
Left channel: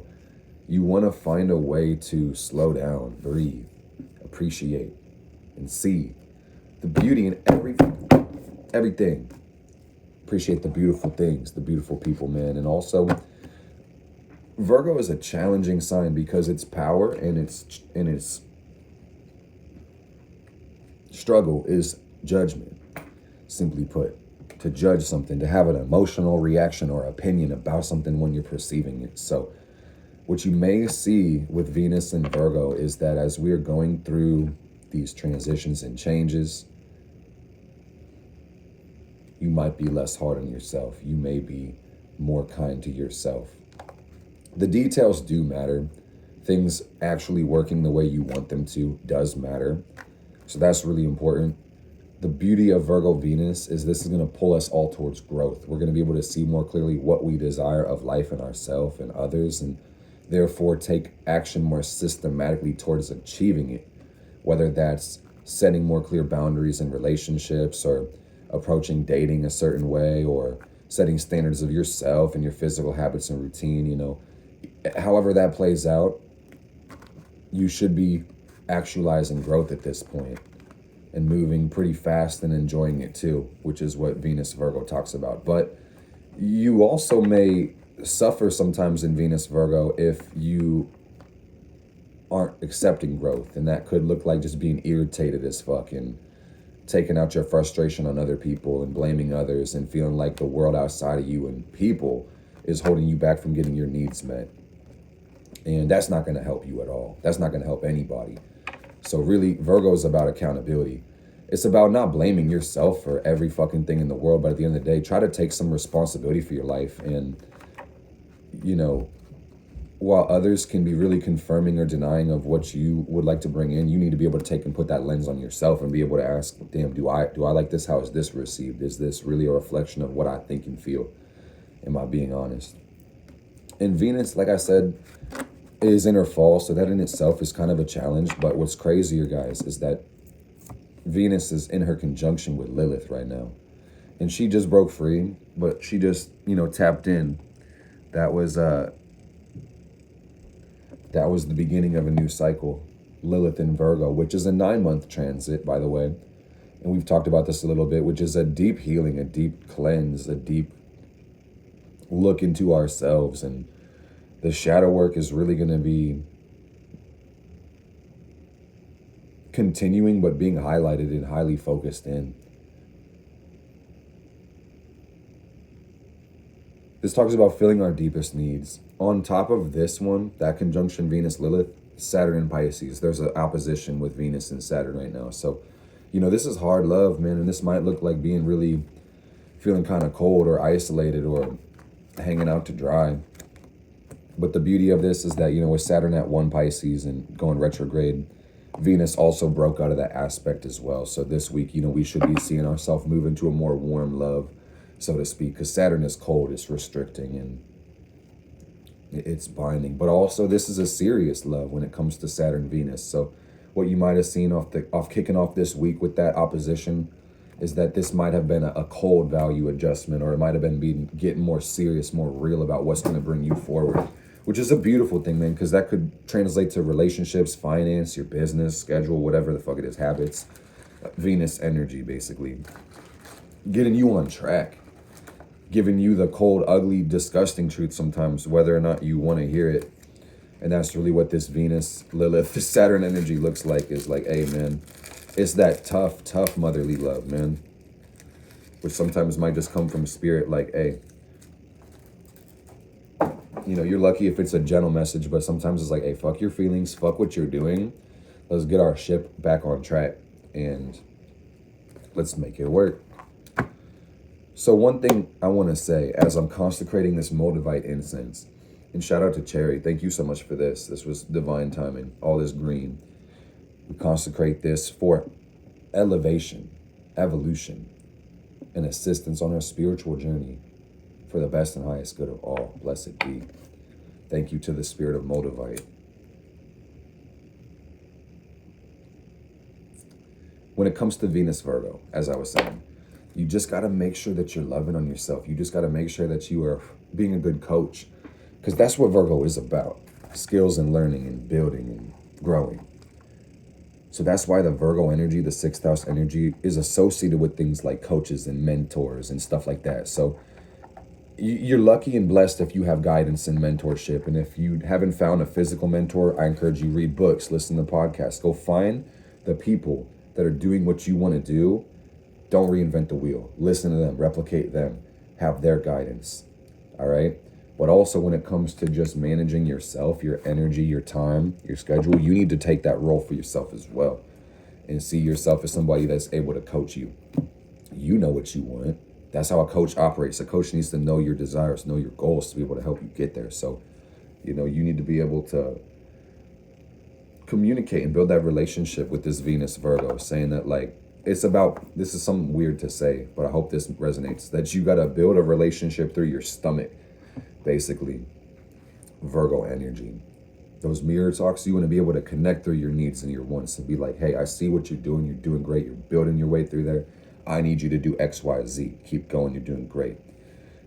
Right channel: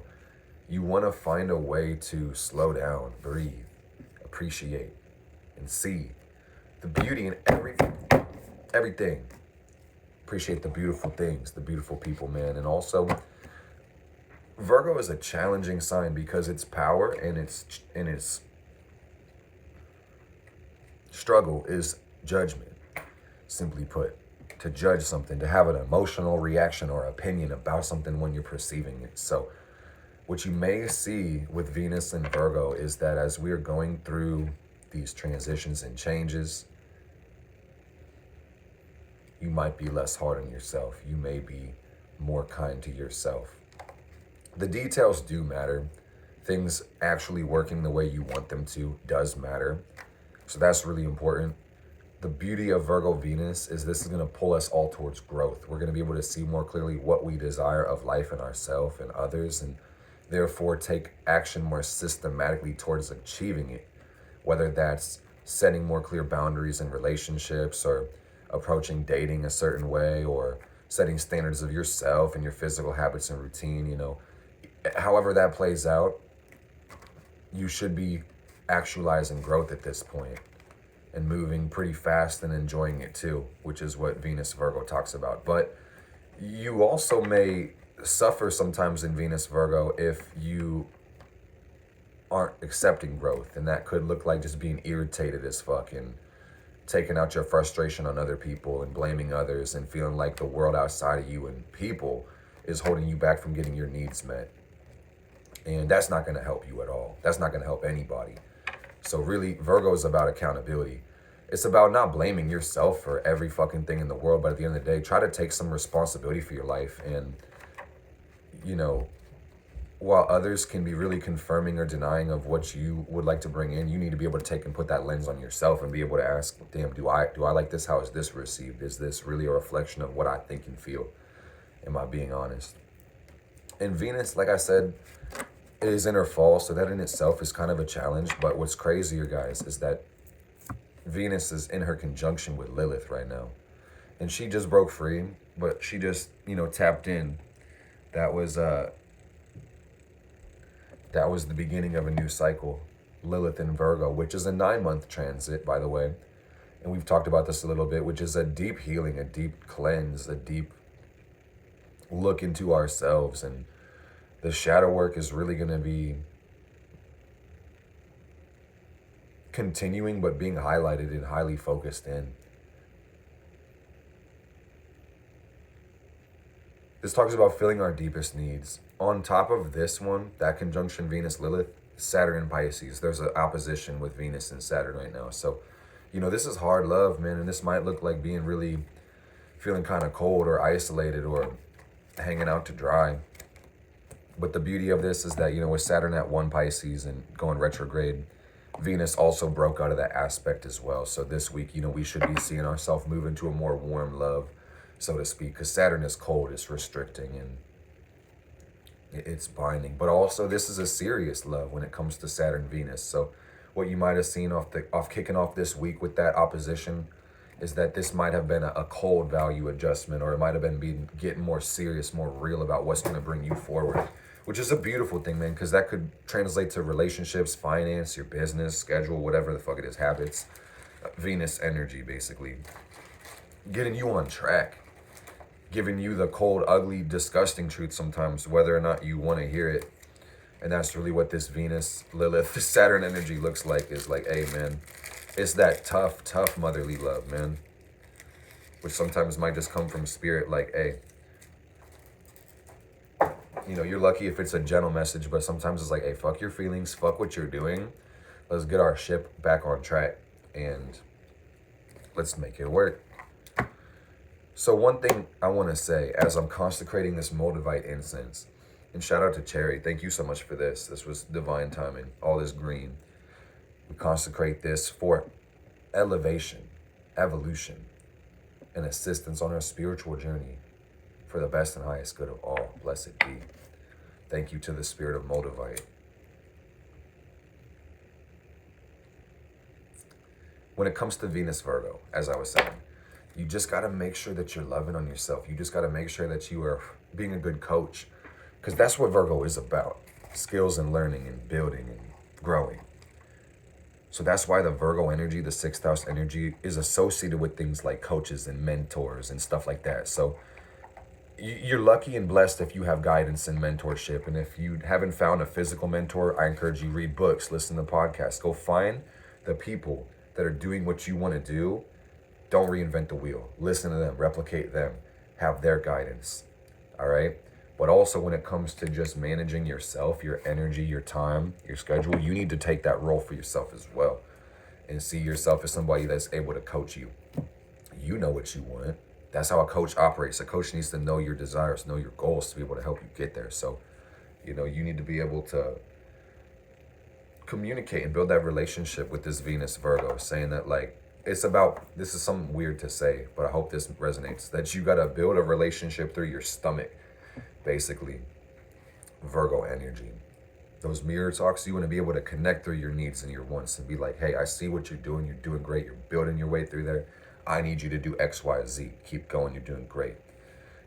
you want to find a way to slow down, breathe, appreciate, and see the beauty in everything. Appreciate the beautiful things, the beautiful people, man. And also, Virgo is a challenging sign because its power and its struggle is judgment. Simply put, to judge something, to have an emotional reaction or opinion about something when you're perceiving it. So what you may see with Venus and Virgo is that as we're going through these transitions and changes, you might be less hard on yourself. You may be more kind to yourself. The details do matter. Things actually working the way you want them to does matter. So that's really important. The beauty of Virgo Venus is this is going to pull us all towards growth. We're going to be able to see more clearly what we desire of life and ourselves and others, and therefore take action more systematically towards achieving it. Whether that's setting more clear boundaries in relationships, or approaching dating a certain way, or setting standards of yourself and your physical habits and routine, you know, however that plays out, you should be actualizing growth at this point and moving pretty fast and enjoying it too, which is what Venus Virgo talks about. But you also may suffer sometimes in Venus Virgo if you aren't accepting growth, and that could look like just being irritated as fuck and taking out your frustration on other people and blaming others and feeling like the world outside of you and people is holding you back from getting your needs met. And that's not going to help you at all. That's not going to help anybody. So really, Virgo is about accountability. It's about not blaming yourself for every fucking thing in the world, but at the end of the day, try to take some responsibility for your life. And, you know, while others can be really confirming or denying of what you would like to bring in, you need to be able to take and put that lens on yourself and be able to ask, damn, do I like this? How is this received? Is this really a reflection of what I think and feel? Am I being honest? And Venus, like I said, is in her fall, so that in itself is kind of a challenge. But what's crazier, guys, is that Venus is in her conjunction with Lilith right now. And she just broke free, but she just, you know, tapped in. That was the beginning of a new cycle, Lilith in Virgo, which is a 9-month transit, by the way. And we've talked about this a little bit, which is a deep healing, a deep cleanse, a deep look into ourselves and The shadow work is really going to be continuing, but being highlighted and highly focused in. This talks about filling our deepest needs. On top of this one, that conjunction Venus-Lilith, Saturn and Pisces, there's an opposition with Venus and Saturn right now. So, you know, this is hard love, man, and this might look like being really feeling kind of cold or isolated or hanging out to dry. But the beauty of this is that, you know, with Saturn at 1 Pisces and going retrograde, Venus also broke out of that aspect as well. So this week, you know, we should be seeing ourselves move into a more warm love, so to speak, because Saturn is cold, it's restricting, and it's binding. But also, this is a serious love when it comes to Saturn Venus. So what you might have seen off kicking off this week with that opposition is that this might have been a cold value adjustment, or it might have been getting more serious, more real about what's going to bring you forward, which is a beautiful thing, man, because that could translate to relationships, finance, your business, schedule, whatever the fuck it is, habits. Venus energy, basically. Getting you on track. Giving you the cold, ugly, disgusting truth sometimes, whether or not you want to hear it. And that's really what this Venus, Lilith, Saturn energy looks like, is like, hey, man, it's that tough motherly love, man. Which sometimes might just come from spirit, like, hey, you know, you're lucky if it's a gentle message, but sometimes it's like, hey, fuck your feelings, fuck what you're doing. Let's get our ship back on track and let's make it work. So one thing I want to say as I'm consecrating this Moldavite incense, and shout out to Cherry, thank you so much for this. This was divine timing, all this green. We consecrate this for elevation, evolution, and assistance on our spiritual journey for the best and highest good of all. Blessed be. Thank you to the spirit of Moldavite. When it comes to Venus Virgo, as I was saying, you just got to make sure that you're loving on yourself. You just got to make sure that you are being a good coach, because that's what Virgo is about. Skills and learning and building and growing. So that's why the Virgo energy, the 6th house energy, is associated with things like coaches and mentors and stuff like that. So you're lucky and blessed if you have guidance and mentorship. And if you haven't found a physical mentor, I encourage you, read books, listen to podcasts. Go find the people that are doing what you want to do. Don't reinvent the wheel. Listen to them, replicate them, have their guidance. All right? But also when it comes to just managing yourself, your energy, your time, your schedule, you need to take that role for yourself as well and see yourself as somebody that's able to coach you. You know what you want. That's how a coach operates. A coach needs to know your desires, know your goals to be able to help you get there. So, you know, you need to be able to communicate and build that relationship with this Venus Virgo, saying that, like, it's about, this is something weird to say, but I hope this resonates, that you got to build a relationship through your stomach, basically. Virgo energy. Those mirror talks, you want to be able to connect through your needs and your wants and be like, hey, I see what you're doing great, you're building your way through there. I need you to do X, Y, Z. Keep going, you're doing great.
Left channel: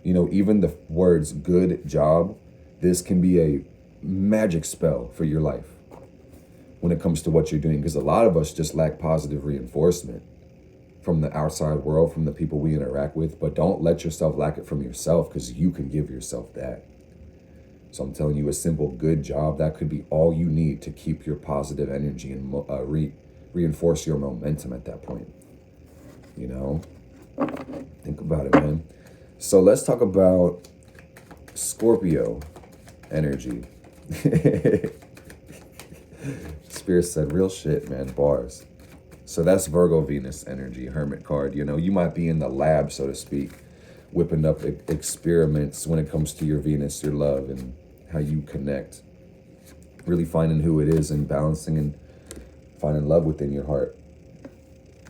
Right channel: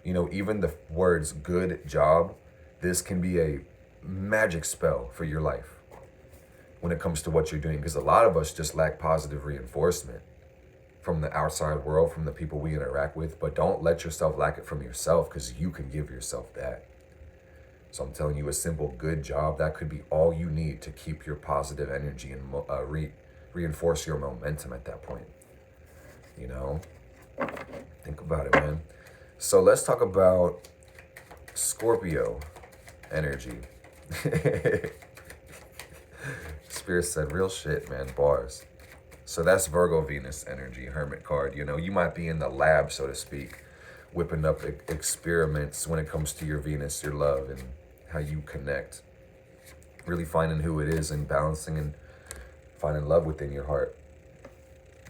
You know, even the words good job, this can be a magic spell for your life when it comes to what you're doing, because a lot of us just lack positive reinforcement from the outside world, from the people we interact with. But don't let yourself lack it from yourself, because you can give yourself that. So I'm telling you, a simple good job, that could be all you need to keep your positive energy and reinforce your momentum at that point. You know, think about it, man. So let's talk about Scorpio energy. Spirit said real shit, man. Bars. So that's Virgo Venus energy, Hermit card. You know, you might be in the lab, so to speak, whipping up experiments when it comes to your Venus, your love, and how you connect. Really finding who it is and balancing and finding love within your heart.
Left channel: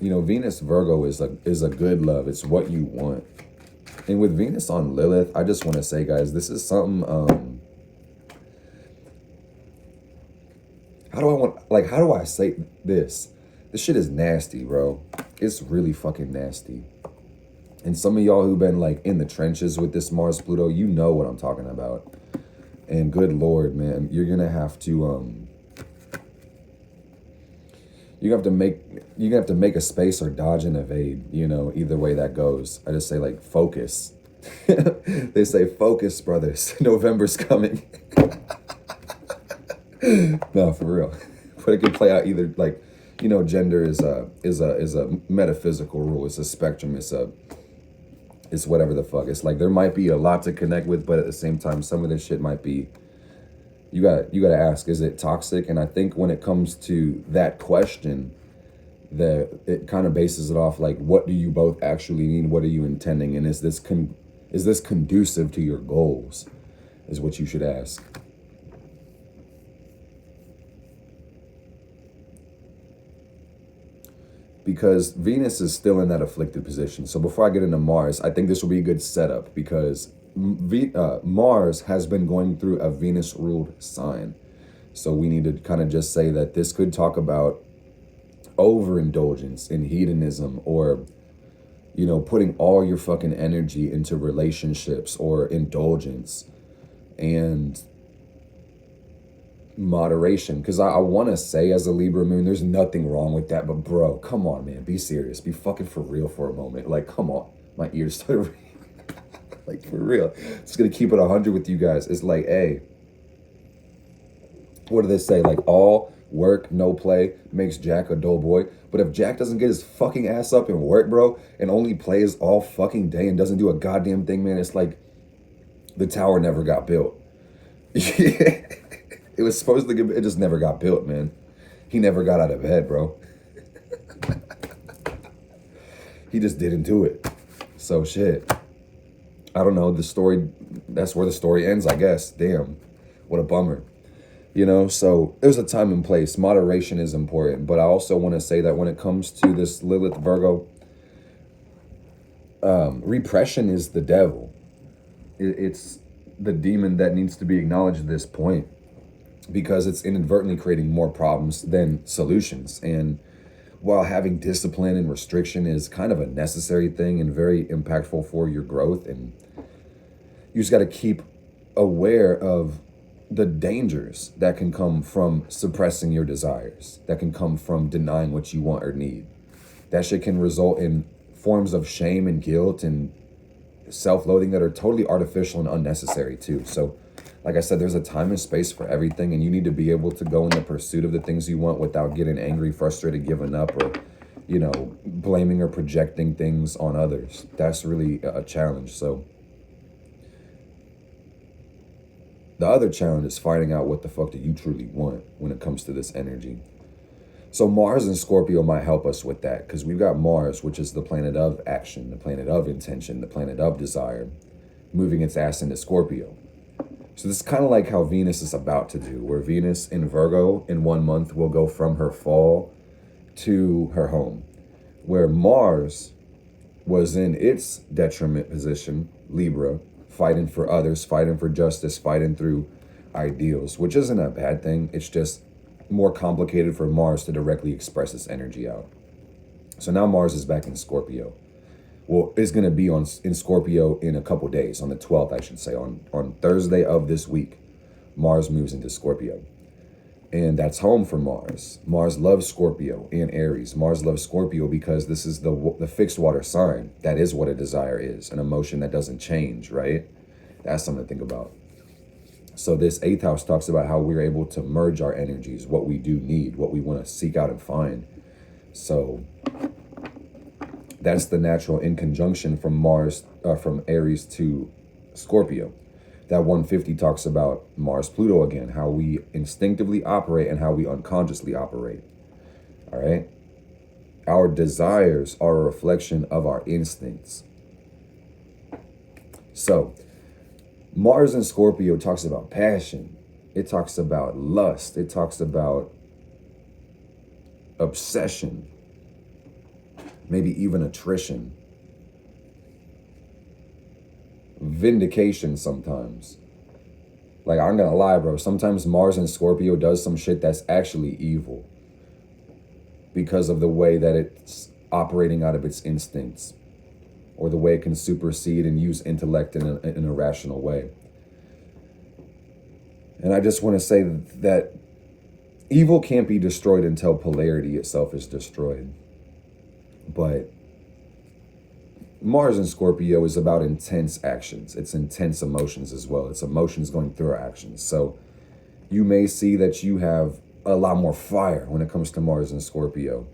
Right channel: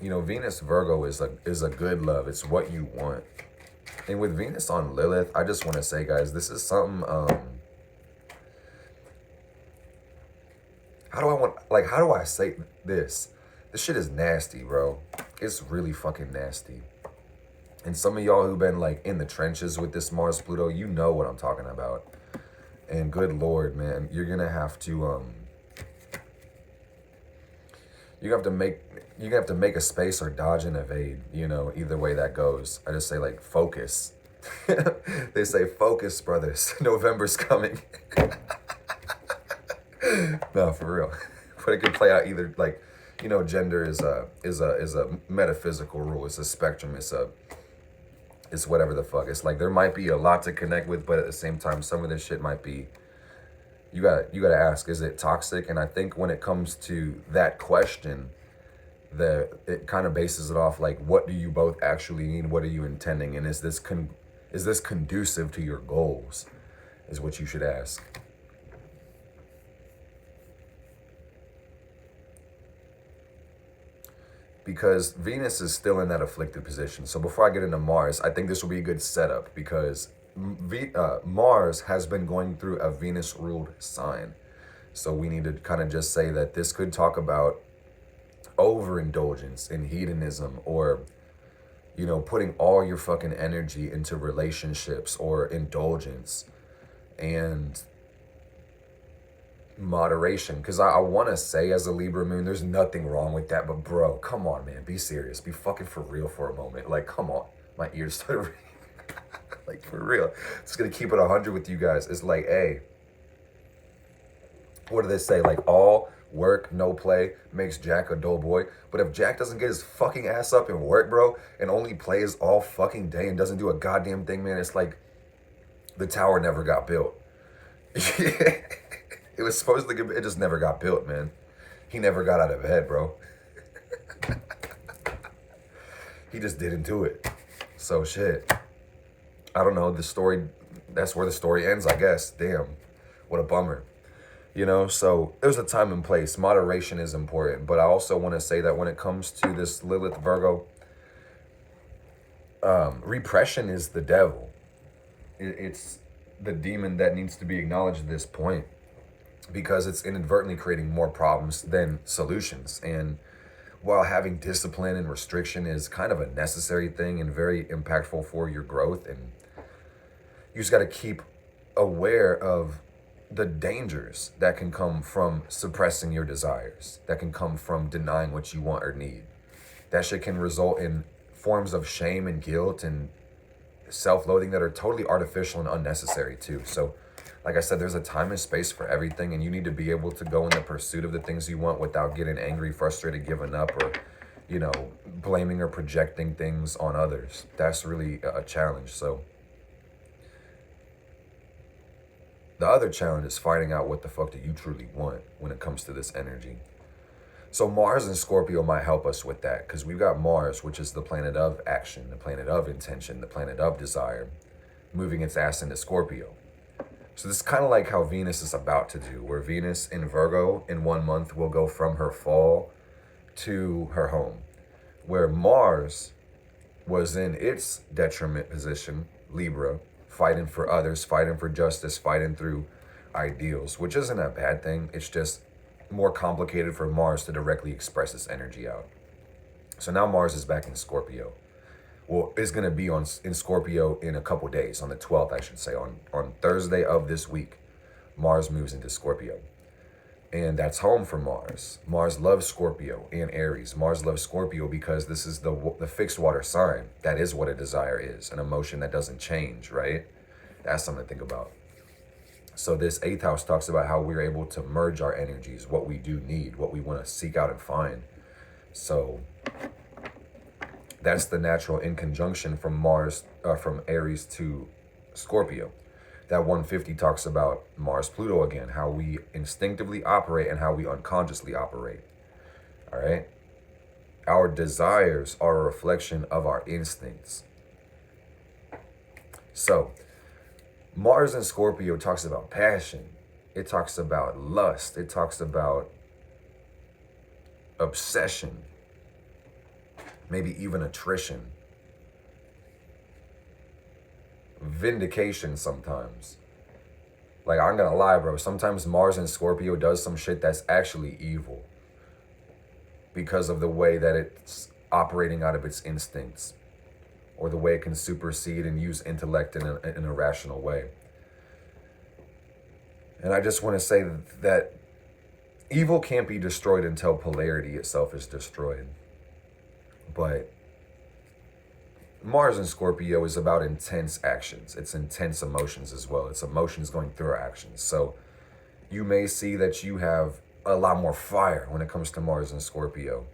You know, Venus Virgo is a good love. It's what you want. And with Venus on Lilith, I just want to say, guys, this is something, how do I say this? This shit is nasty, bro. It's really fucking nasty. And some of y'all who've been like in the trenches with this Mars Pluto, you know what I'm talking about. And good Lord, man, you're gonna have to you're gonna have to make a space or dodge and evade, you know, either way that goes. I just say, like, focus. They say, focus, brothers. November's coming. No, for real. But it could play out either, like, you know, gender is a metaphysical rule. It's a spectrum. It's whatever the fuck. It's like there might be a lot to connect with, but at the same time, some of this shit might be. You gotta ask, is it toxic? And I think when it comes to that question, it kind of bases it off like, what do you both actually need? What are you intending? And is this conducive to your goals? Is what you should ask. Because Venus is still in that afflicted position. So before I get into Mars, I think this will be a good setup because Mars has been going through a Venus-ruled sign. So we need to kind of just say that this could talk about overindulgence in hedonism, or, you know, putting all your fucking energy into relationships, or indulgence and moderation. Because I want to say, as a Libra moon, there's nothing wrong with that, but bro, come on, man, be serious, be fucking for real for a moment. Like, come on, my ears started like, for real. Just gonna keep it 100 with you guys. It's like, hey, what do they say? Like, all work, no play makes Jack a dull boy. But if Jack doesn't get his fucking ass up and work, bro, and only plays all fucking day and doesn't do a goddamn thing, man, it's like the tower never got built. It was supposed to get, it just never got built, man. He never got out of bed, bro. He just didn't do it. So shit. I don't know, the story, that's where the story ends, I guess. Damn, what a bummer. You know, so there's a time and place. Moderation is important, but I also want to say that when it comes to this Lilith Virgo, repression is the devil. It's the demon that needs to be acknowledged at this point, because it's inadvertently creating more problems than solutions. And while having discipline and restriction is kind of a necessary thing and very impactful for your growth, and you just got to keep aware of the dangers that can come from suppressing your desires, that can come from denying what you want or need. That shit can result in forms of shame and guilt and self-loathing that are totally artificial and unnecessary too. So like I said, there's a time and space for everything, and you need to be able to go in the pursuit of the things you want without getting angry, frustrated, giving up, or, you know, blaming or projecting things on others. That's really a challenge. So the other challenge is finding out what the fuck do you truly want when it comes to this energy. So Mars and Scorpio might help us with that, because we've got Mars, which is the planet of action, the planet of intention, the planet of desire, moving its ass into Scorpio. So this is kind of like how Venus is about to do, where Venus in Virgo in 1 month will go from her fall to her home, where Mars was in its detriment position, Libra, fighting for others, fighting for justice, fighting through ideals, which isn't a bad thing. It's just more complicated for Mars to directly express its energy out. So now Mars is back in Scorpio. Well, it's going to be in Scorpio in a couple days, on the 12th, I should say. On Thursday of this week, Mars moves into Scorpio. And that's home for Mars. Mars loves Scorpio and Aries. Mars loves Scorpio because this is the fixed water sign. That is what a desire is, an emotion that doesn't change, right? That's something to think about. So this 8th house talks about how we're able to merge our energies, what we do need, what we want to seek out and find. So that's the natural in conjunction from Mars, from Aries to Scorpio. That 150 talks about Mars Pluto again, how we instinctively operate and how we unconsciously operate. All right. Our desires are a reflection of our instincts. So Mars in Scorpio talks about passion. It talks about lust. It talks about obsession. Maybe even attrition. Vindication sometimes. Like, I'm gonna lie, bro. Sometimes Mars in Scorpio does some shit that's actually evil, because of the way that it's operating out of its instincts, or the way it can supersede and use intellect in a rational way. And I just want to say that evil can't be destroyed until polarity itself is destroyed. But Mars in Scorpio is about intense actions. It's intense emotions as well. It's emotions going through our actions. So you may see that you have a lot more fire when it comes to Mars in Scorpio.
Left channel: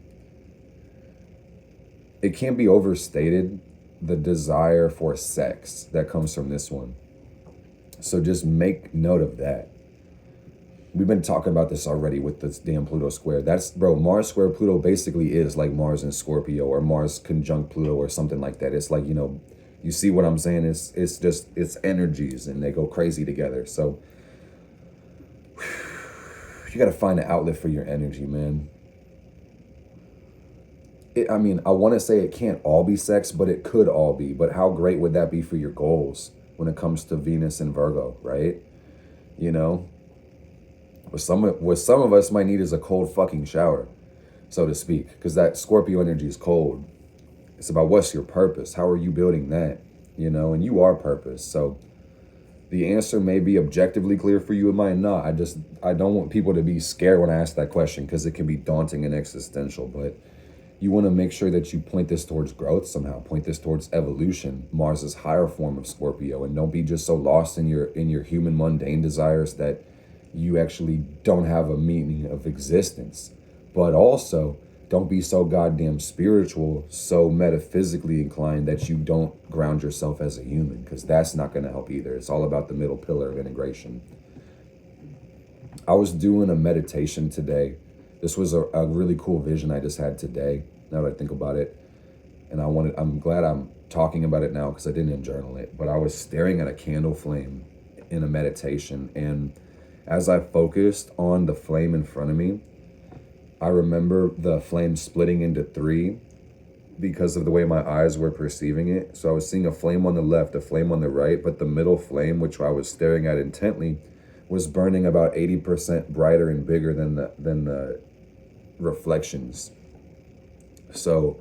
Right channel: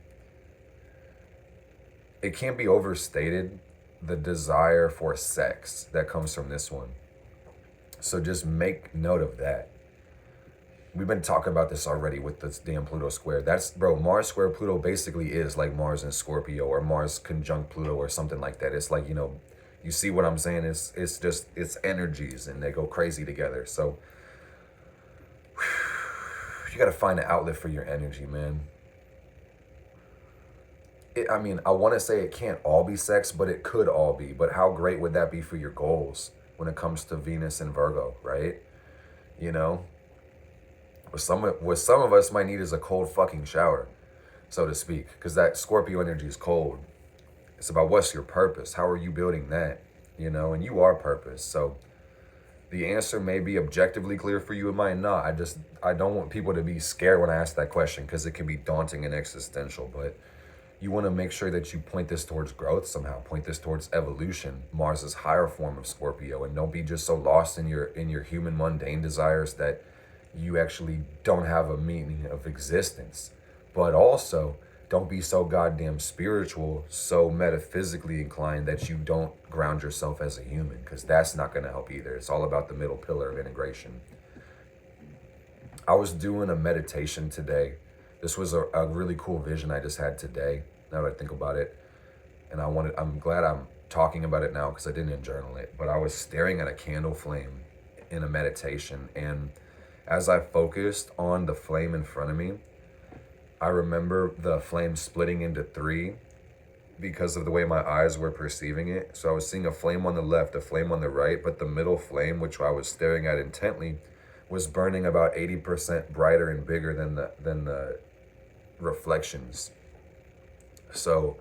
It can't be overstated, the desire for sex that comes from this one. So just make note of that. We've been talking about this already with this damn Pluto square. That's, bro, Mars square Pluto basically is like Mars in Scorpio or Mars conjunct Pluto or something like that. It's like, you know, you see what I'm saying? It's just, it's energies and they go crazy together. So you got to find an outlet for your energy, man. I mean, I want to say it can't all be sex, but it could all be. But how great would that be for your goals when it comes to Venus and Virgo, right? You know? What some of us might need is a cold fucking shower, so to speak, because that Scorpio energy is cold. It's about what's your purpose? How are you building that? You know, and you are purpose. So the answer may be objectively clear for you. It might not. I don't want people to be scared when I ask that question because it can be daunting and existential. But you want to make sure that you point this towards growth somehow. Point this towards evolution. Mars's higher form of Scorpio, and don't be just so lost in your human mundane desires that you actually don't have a meaning of existence. But also, don't be so goddamn spiritual, so metaphysically inclined that you don't ground yourself as a human, because that's not going to help either. It's all about the middle pillar of integration. I was doing a meditation today. This was a really cool vision I just had today, now that I think about it. And I'm glad I'm talking about it now because I didn't journal it. But I was staring at a candle flame in a meditation, and as I focused on the flame in front of me, I remember the flame splitting into three because of the way my eyes were perceiving it. So I was seeing a flame on the left, a flame on the right, but the middle flame, which I was staring at intently, was burning about 80% brighter and bigger than the reflections. So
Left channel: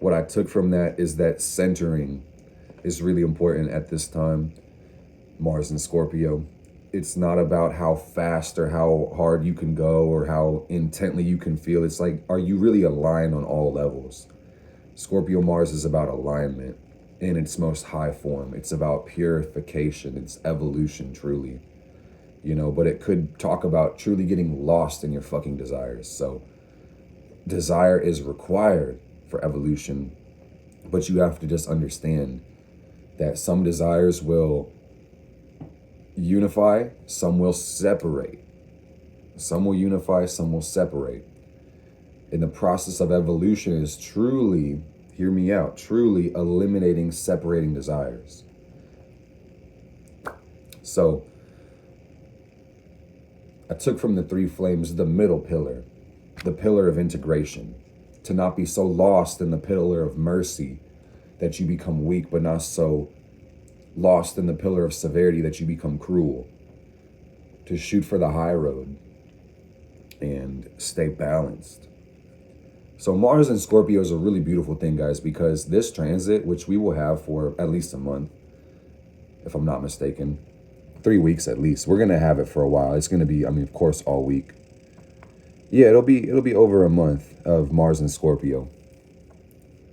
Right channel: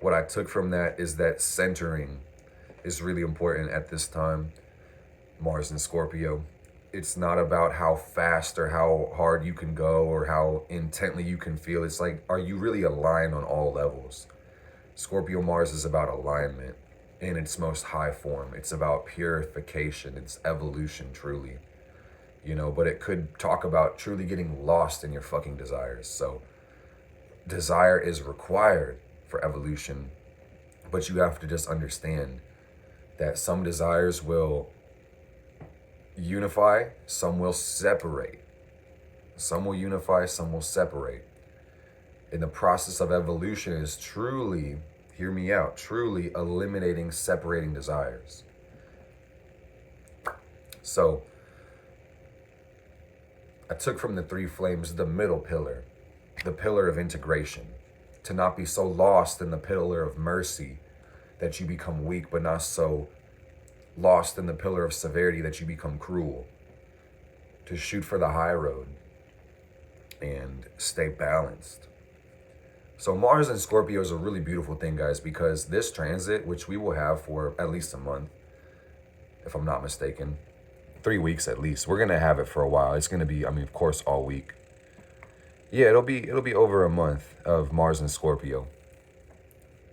what I took from that is that centering is really important at this time. Mars and Scorpio. It's not about how fast or how hard you can go or how intently you can feel. It's like, are you really aligned on all levels? Scorpio Mars is about alignment in its most high form. It's about purification. It's evolution, truly. You know, but it could talk about truly getting lost in your fucking desires. So desire is required for evolution, but you have to just understand that some desires will unify, some will separate. Some will unify, some will separate. And the process of evolution is truly, hear me out, truly eliminating separating desires. So I took from the three flames the middle pillar, the pillar of integration, to not be so lost in the pillar of mercy that you become weak, but not so lost in the pillar of severity that you become cruel. To shoot for the high road and stay balanced. So Mars and Scorpio is a really beautiful thing, guys, because this transit, which we will have for at least a month, if I'm not mistaken, 3 weeks at least. We're gonna have it for a while. It's gonna be, I mean, of course, all week. Yeah, it'll be over a month of Mars and Scorpio.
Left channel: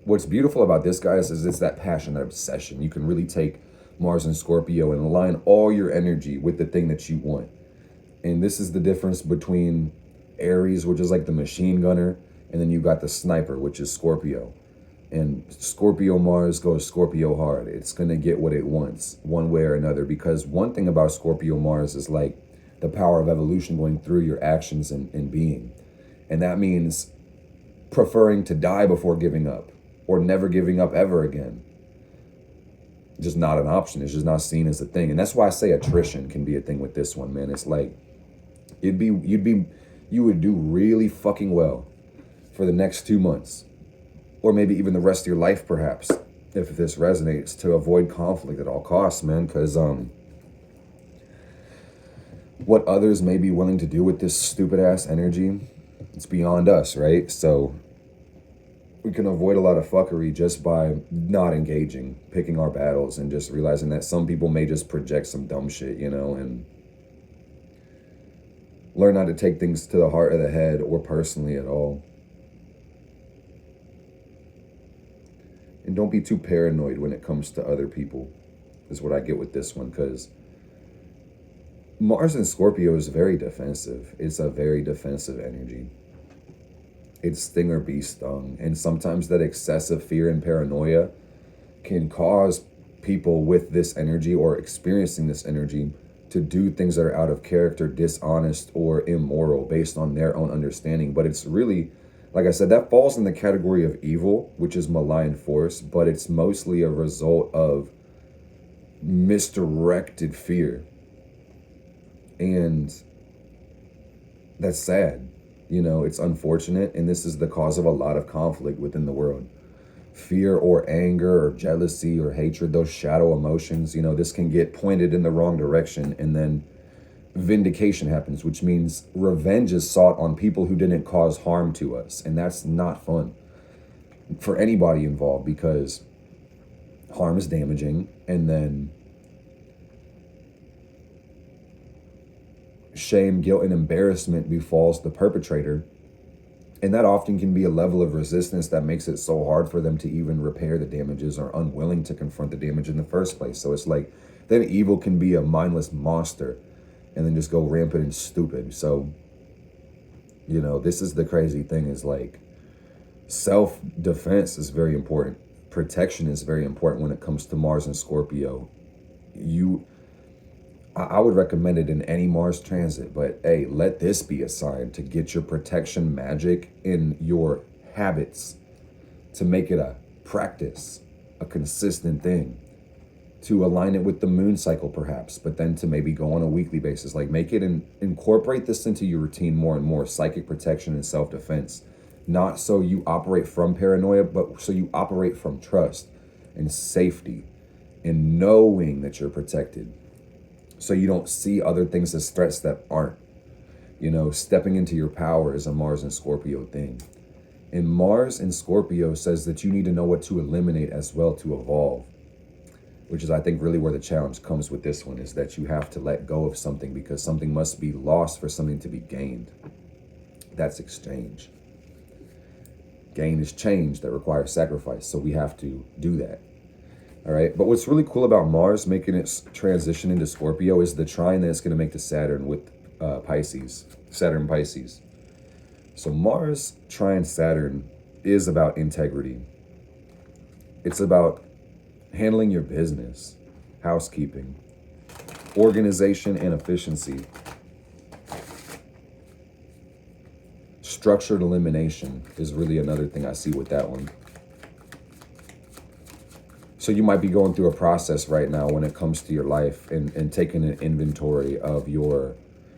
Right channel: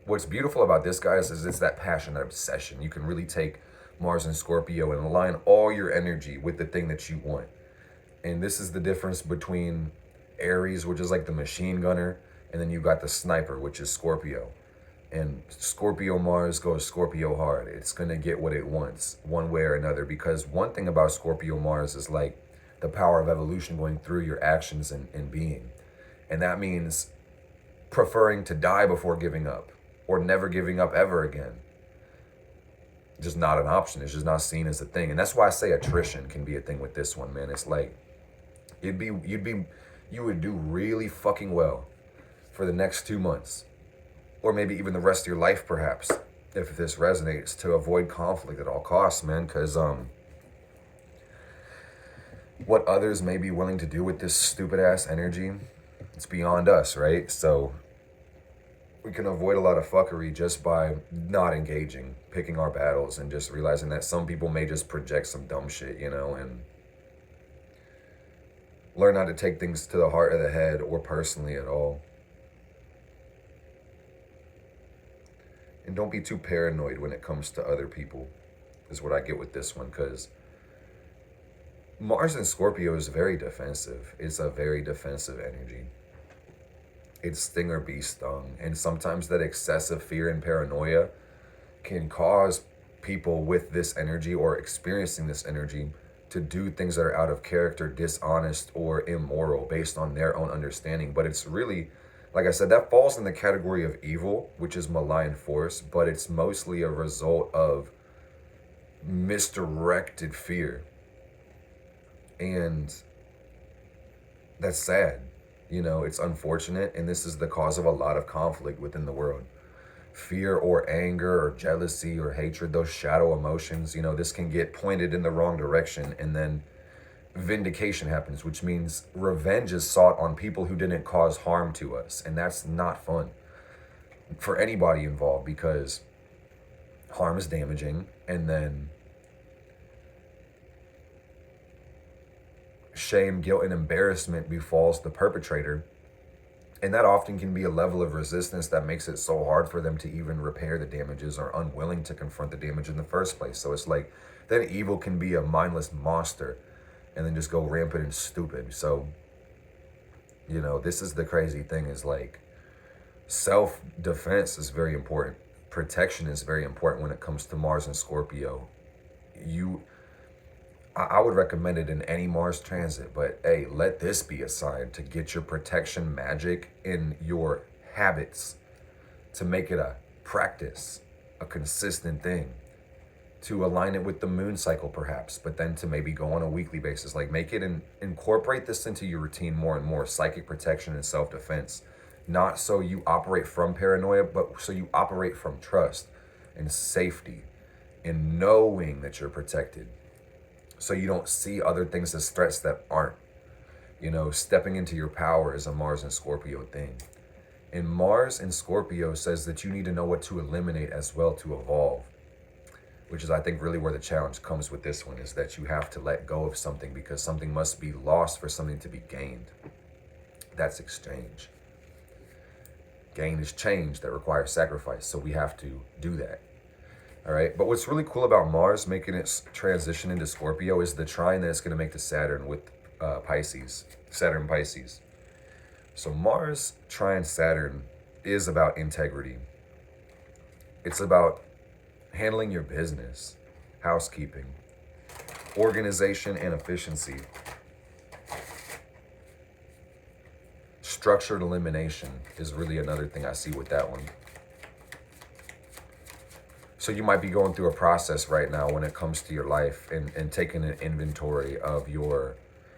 What's beautiful about this, guys, is it's that passion, that obsession. You can really take Mars and Scorpio and align all your energy with the thing that you want. And this is the difference between Aries, which is like the machine gunner, and then you got the sniper, which is Scorpio. And Scorpio Mars goes Scorpio hard. It's going to get what it wants one way or another, because one thing about Scorpio Mars is like the power of evolution going through your actions and being. And that means preferring to die before giving up, or never giving up ever again. Just not an option. It's just not seen as a thing. And that's why I say attrition can be a thing with this one, man. It's like you would do really fucking well for the next 2 months, or maybe even the rest of your life, perhaps, if this resonates, to avoid conflict at all costs, man. Because what others may be willing to do with this stupid ass energy, it's beyond us, right? So we can avoid a lot of fuckery just by not engaging, picking our battles, and just realizing that some people may just project some dumb shit, you know, and learn not to take things to the heart of the head or personally at all. And don't be too paranoid when it comes to other people, is what I get with this one, because Mars in Scorpio is very defensive. It's a very defensive energy. It's sting or be stung. And sometimes that excessive fear and paranoia can cause people with this energy or experiencing this energy to do things that are out of character, dishonest, or immoral based on their own understanding. But it's really, like I said, that falls in the category of evil, which is malign force, but it's mostly a result of misdirected fear. And that's sad. You know, it's unfortunate, and this is the cause of a lot of conflict within the world. Fear or anger or jealousy or hatred, those shadow emotions, you know, this can get pointed in the wrong direction, and then vindication happens, which means revenge is sought on people who didn't cause harm to us. And that's not fun for anybody involved, because harm is damaging, and then shame, guilt, and embarrassment befalls the perpetrator. And that often can be a level of resistance that makes it so hard for them to even repair the damages, or unwilling to confront the damage in the first place. So it's like, then evil can be a mindless monster and then just go rampant and stupid. So, you know, this is the crazy thing, is like, self-defense is very important. Protection is very important when it comes to Mars and Scorpio. I would recommend it in any Mars transit, but hey, let this be a sign to get your protection magic in your habits, to make it a practice, a consistent thing, to align it with the moon cycle perhaps, but then to maybe go on a weekly basis. Like, make it and incorporate this into your routine more and more. Psychic protection and self-defense, not so you operate from paranoia, but so you operate from trust and safety and knowing that you're protected. So you don't see other things as threats that aren't. You know, stepping into your power is a Mars and Scorpio thing. And Mars in Scorpio says that you need to know what to eliminate as well to evolve, which is, I think, really where the challenge comes with this one, is that you have to let go of something, because something must be lost for something to be gained. That's exchange. Gain is change that requires sacrifice. So we have to do that. All right, but what's really cool about Mars making its transition into Scorpio is the trine that it's going to make to Saturn with Pisces, Saturn Pisces. So Mars trine Saturn is about integrity. It's about handling your business, housekeeping, organization, and efficiency. Structured elimination is really another thing I see with that one. So you might be going through a process right now when it comes to your life, and taking an inventory of your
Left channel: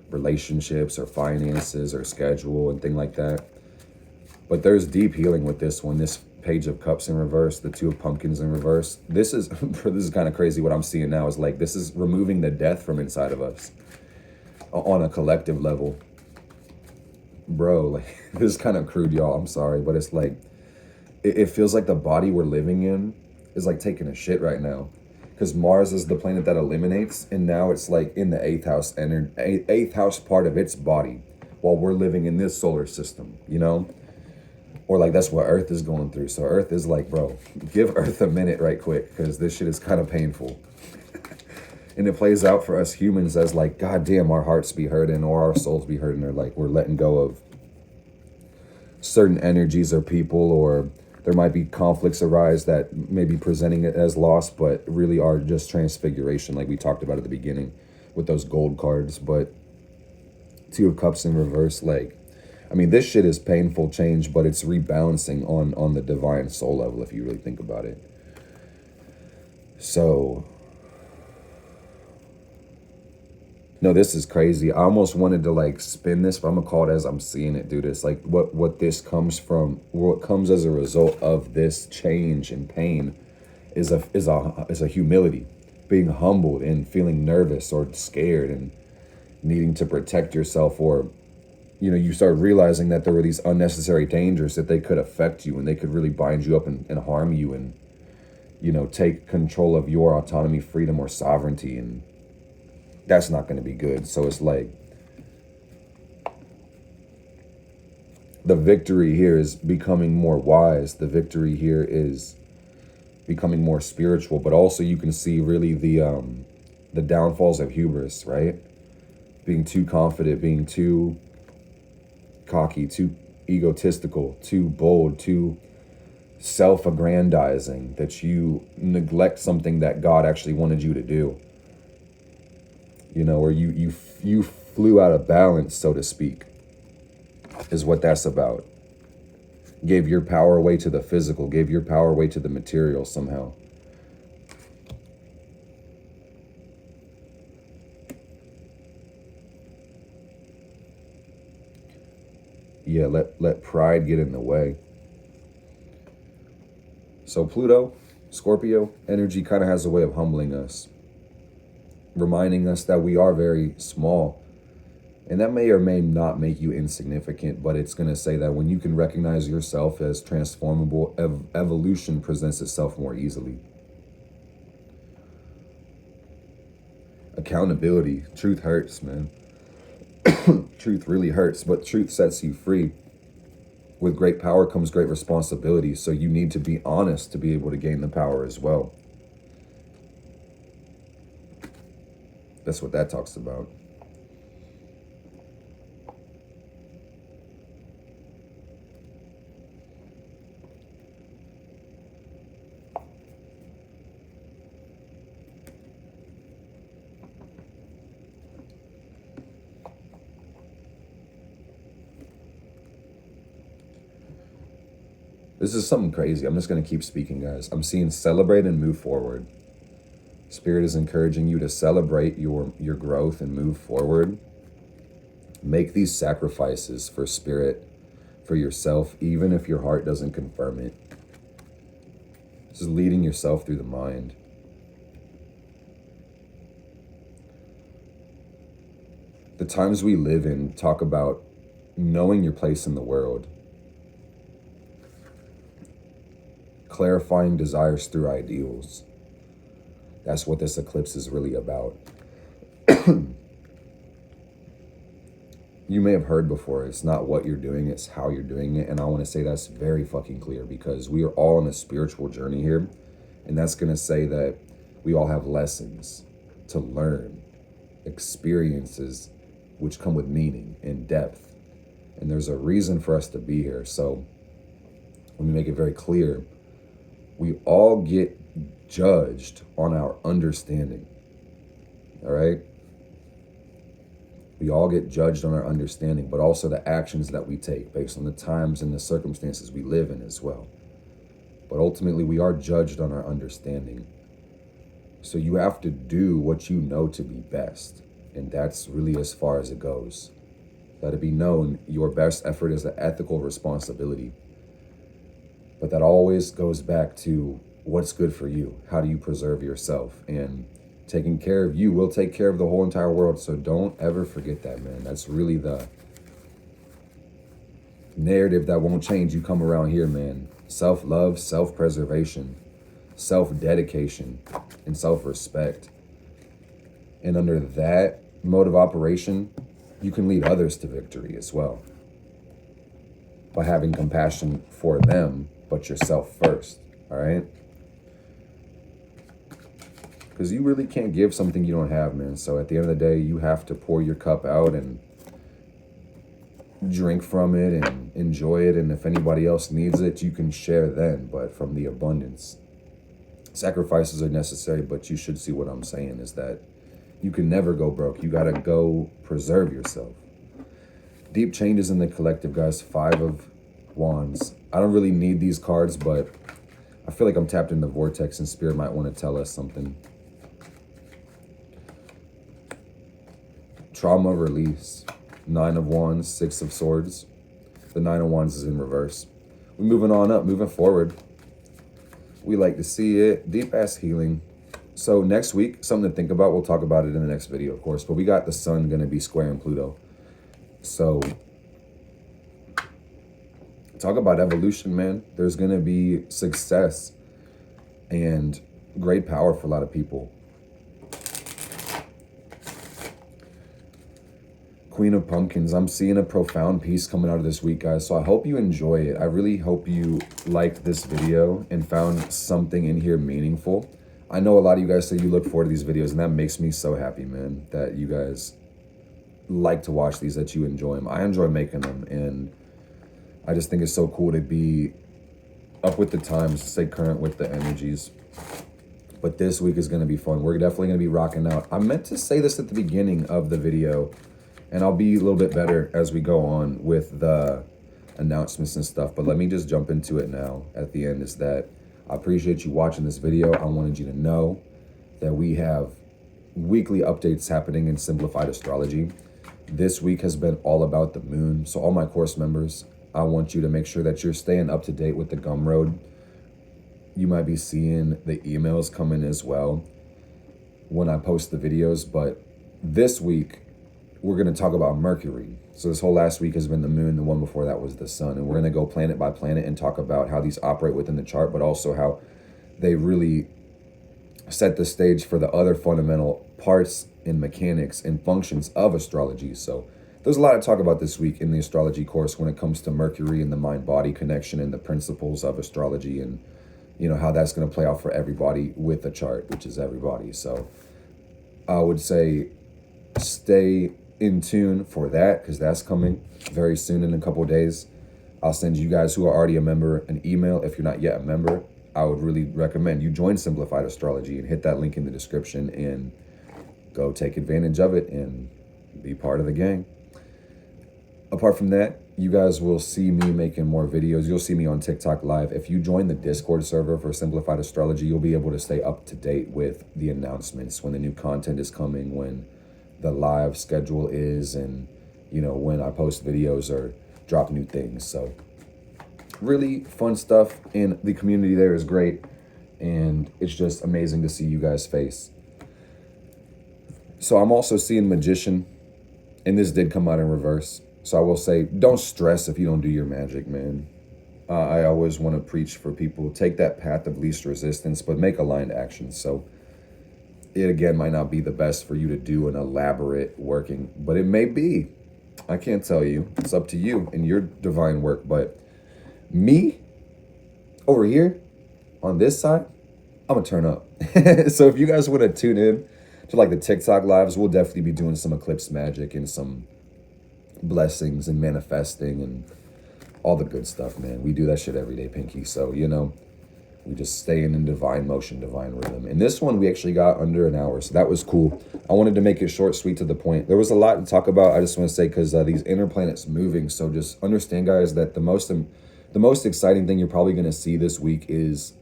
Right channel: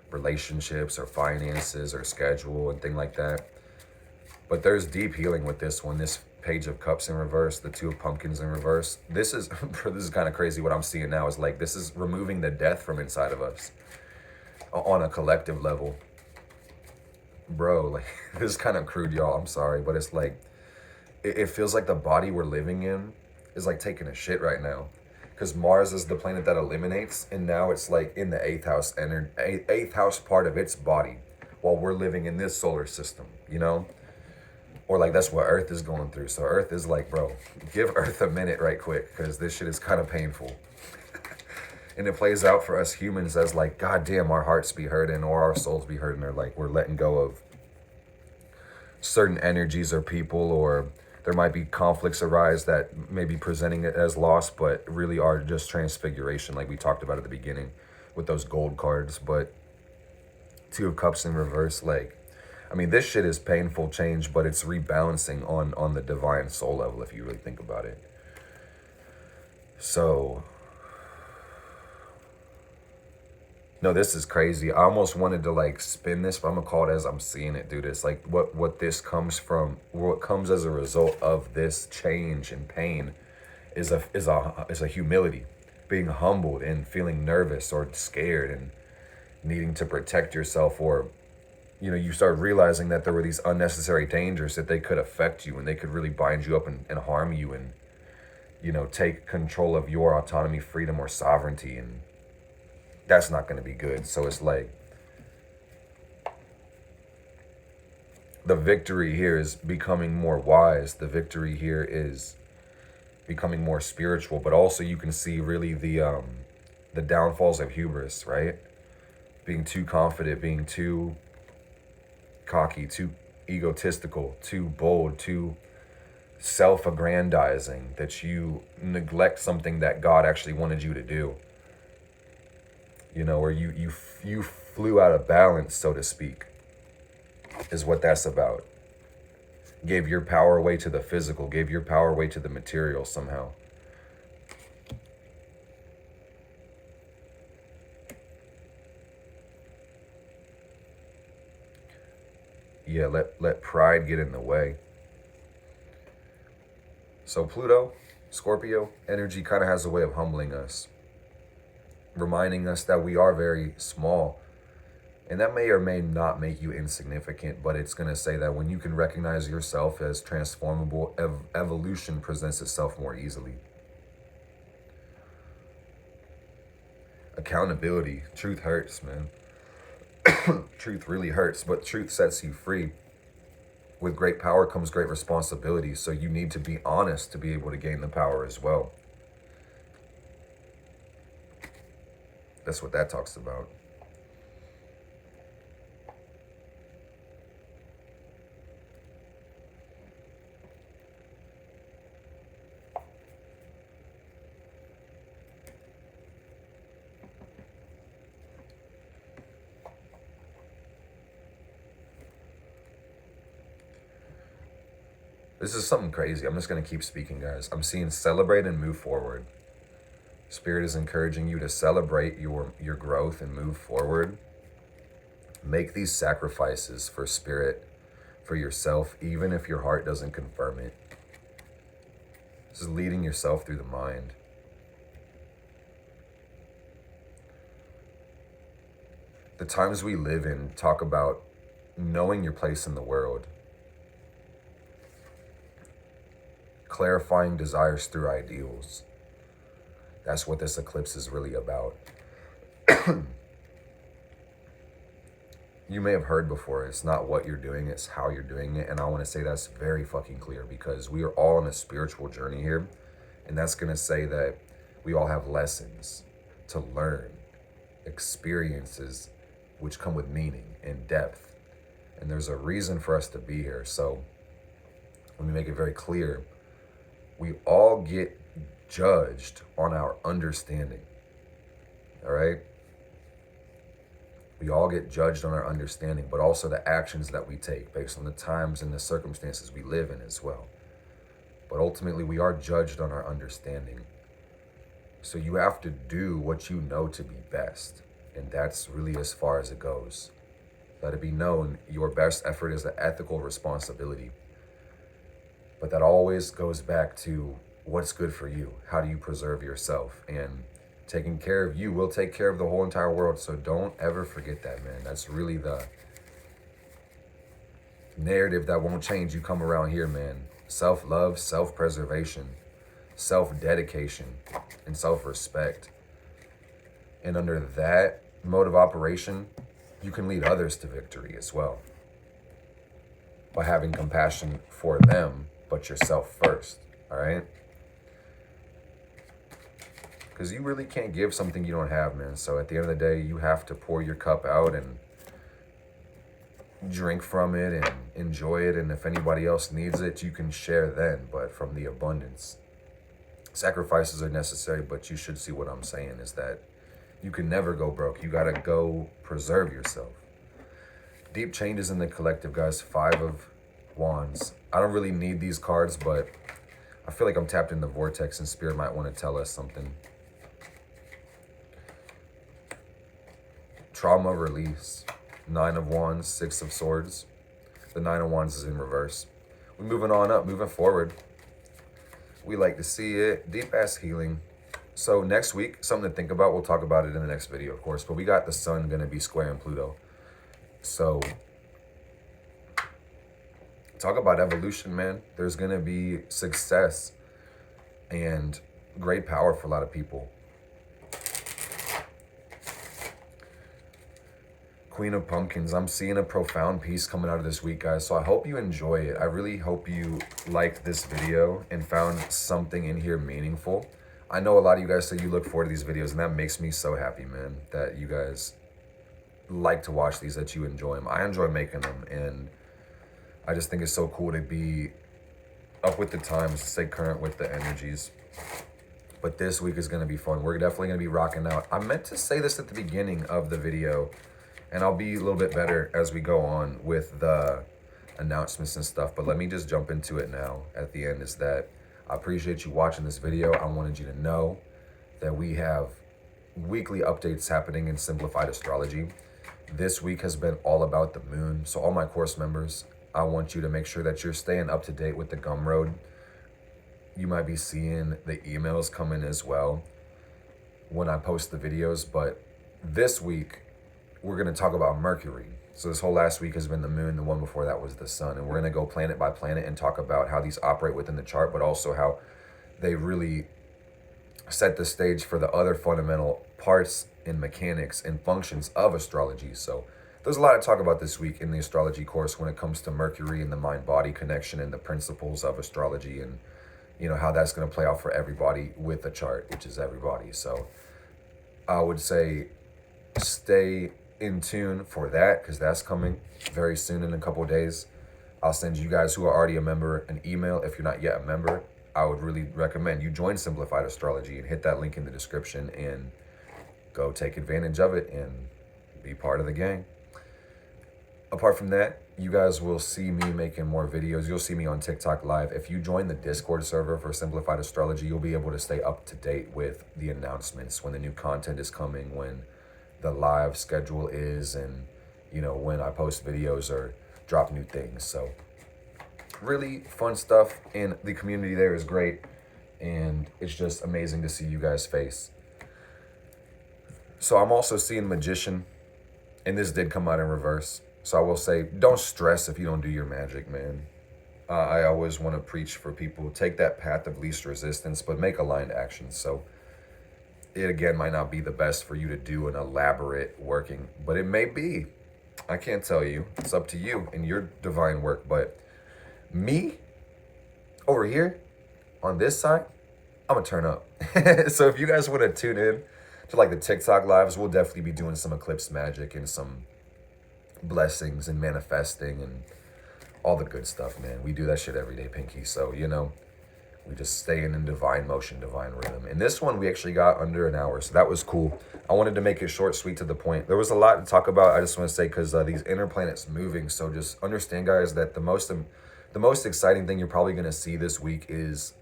relationships or finances or schedule and thing like that. But there's deep healing with this one. This Page of Cups in reverse, the Two of Pumpkins in reverse. This is kind of crazy. What I'm seeing now is like, this is removing the death from inside of us on a collective level. Bro, like, this is kind of crude, y'all. I'm sorry, but it's like, it feels like the body we're living in is like taking a shit right now, because Mars is the planet that eliminates, and now it's like in the 8th house energy, 8th house part of its body, while we're living in this solar system, you know, or like that's what Earth is going through. So Earth is like, bro, give Earth a minute right quick, because this shit is kind of painful. And it plays out for us humans as like, God damn, our hearts be hurting, or our souls be hurting, or like we're letting go of certain energies or people, or there might be conflicts arise that may be presenting it as loss, but really are just transfiguration, like we talked about at the beginning with those gold cards. But Two of Cups in reverse, like, I mean, this shit is painful change, but it's rebalancing on the divine soul level, if you really think about it. So, no, this is crazy. I almost wanted to like spin this, but I'm gonna call it as I'm seeing it, dude. It's like what this comes from, what comes as a result of this change and pain is a humility, being humbled and feeling nervous or scared and needing to protect yourself. Or, you know, you start realizing that there were these unnecessary dangers that they could affect you, and they could really bind you up and harm you, and, you know, take control of your autonomy, freedom, or sovereignty, and that's not going to be good. So it's like, the victory here is becoming more wise. The victory here is becoming more spiritual, but also you can see really the downfalls of hubris, right? Being too confident, being too cocky, too egotistical, too bold, too self-aggrandizing, that you neglect something that God actually wanted you to do. You know, or you flew out of balance, so to speak, is what that's about. Gave your power away to the physical, gave your power away to the material somehow. Yeah, let pride get in the way. So Pluto, Scorpio energy kind of has a way of humbling us, reminding us that we are very small. And that may or may not make you insignificant, but it's going to say that when you can recognize yourself as transformable, evolution presents itself more easily. Accountability. Truth hurts, man. Truth really hurts, but truth sets you free. With great power comes great responsibility, so you need to be honest to be able to gain the power as well. That's what that talks about. This is something crazy. I'm just going to keep speaking, guys. I'm seeing celebrate and move forward. Spirit is encouraging you to celebrate your growth and move forward. Make these sacrifices for spirit, for yourself, even if your heart doesn't confirm it. This is leading yourself through the mind. The times we live in talk about knowing your place in the world. Clarifying desires through ideals. That's what this eclipse is really about. You may have heard before, it's not what you're doing, it's how you're doing it. And I want to say that's very fucking clear, because we are all on a spiritual journey here. And that's going to say that we all have lessons to learn, experiences which come with meaning and depth. And there's a reason for us to be here. So let me make it very clear. We all get judged on our understanding. All right? We all get judged on our understanding, but also the actions that we take based on the times and the circumstances we live in as well. But ultimately, we are judged on our understanding. So you have to do what you know to be best. And that's really as far as it goes. Let it be known, your best effort is an ethical responsibility. But that always goes back to what's good for you. How do you preserve yourself? And taking care of you will take care of the whole entire world. So don't ever forget that, man. That's really the narrative that won't change. You come around here, man. Self-love, self-preservation, self-dedication, and self-respect. And under that mode of operation, you can lead others to victory as well. By having compassion for them, but yourself first, all right? Because you really can't give something you don't have, man. So at the end of the day, you have to pour your cup out and drink from it and enjoy it. And if anybody else needs it, you can share then, but from the abundance. Sacrifices are necessary, but you should see what I'm saying is that you can never go broke. You got to go preserve yourself. Deep changes in the collective, guys. 5 of Wands. I don't really need these cards, but I feel like I'm tapped in the vortex and Spirit might want to tell us something. Trauma release. 9 of Wands, 6 of Swords. The 9 of Wands is in reverse. We're moving on up, moving forward. We like to see it. Deep ass healing. So next week, something to think about. We'll talk about it in the next video, of course. But we got the sun going to be squaring Pluto. So talk about evolution, man. There's going to be success and great power for a lot of people. Queen of Pumpkins. I'm seeing a profound piece coming out of this week, guys. So I hope you enjoy it. I really hope you liked this video and found something in here meaningful. I know a lot of you guys say you look forward to these videos, and that makes me so happy, man, that you guys like to watch these, that you enjoy them. I enjoy making them, and I just think it's so cool to be up with the times, stay current with the energies. But this week is going to be fun. We're definitely going to be rocking out. I meant to say this at the beginning of the video, and I'll be a little bit better as we go on with the announcements and stuff. But let me just jump into it now at the end, is that I appreciate you watching this video. I wanted you to know that we have weekly updates happening in Simplified Astrology. This week has been all about the moon. So all my course members, I want you to make sure that you're staying up to date with the Gumroad. You might be seeing the emails come in as well when I post the videos. But this week, we're going to talk about Mercury. So this whole last week has been the moon. The one before that was the sun. And we're going to go planet by planet and talk about how these operate within the chart, but also how they really set the stage for the other fundamental parts and mechanics and functions of astrology. So there's a lot to talk about this week in the astrology course when it comes to Mercury and the mind-body connection and the principles of astrology, and you know how that's going to play out for everybody with the chart, which is everybody. So I would say stay in tune for that, because that's coming very soon in a couple of days. I'll send you guys who are already a member an email. If you're not yet a member, I would really recommend you join Simplified Astrology and hit that link in the description and go take advantage of it and be part of the gang. Apart from that, you guys will see me making more videos. You'll see me on TikTok live. If you join the Discord server for Simplified Astrology, you'll be able to stay up to date with the announcements, when the new content is coming, when the live schedule is, and you know, when I post videos or drop new things. So really fun stuff, and the community there is great, and it's just amazing to see you guys' face. So I'm also seeing Magician, and this did come out in reverse. So I will say, don't stress if you don't do your magic, man. I always want to preach for people, take that path of least resistance, but make aligned actions. So it again might not be the best for you to do an elaborate working, but it may be. I can't tell you. It's up to you and your divine work. But me over here on this side, I'm gonna turn up. So if you guys want to tune in to like the TikTok lives, we'll definitely be doing some eclipse magic and some blessings and manifesting and all the good stuff, man. We do that shit every day, Pinky. So, you know, we just stay in divine motion, divine rhythm. And this one we actually got under an hour, so that was cool. I wanted to make it short, sweet, to the point. There was a lot to talk about. I just want to say, because these inner planets moving, so just understand, guys, that the most exciting thing you're probably going to see this week is,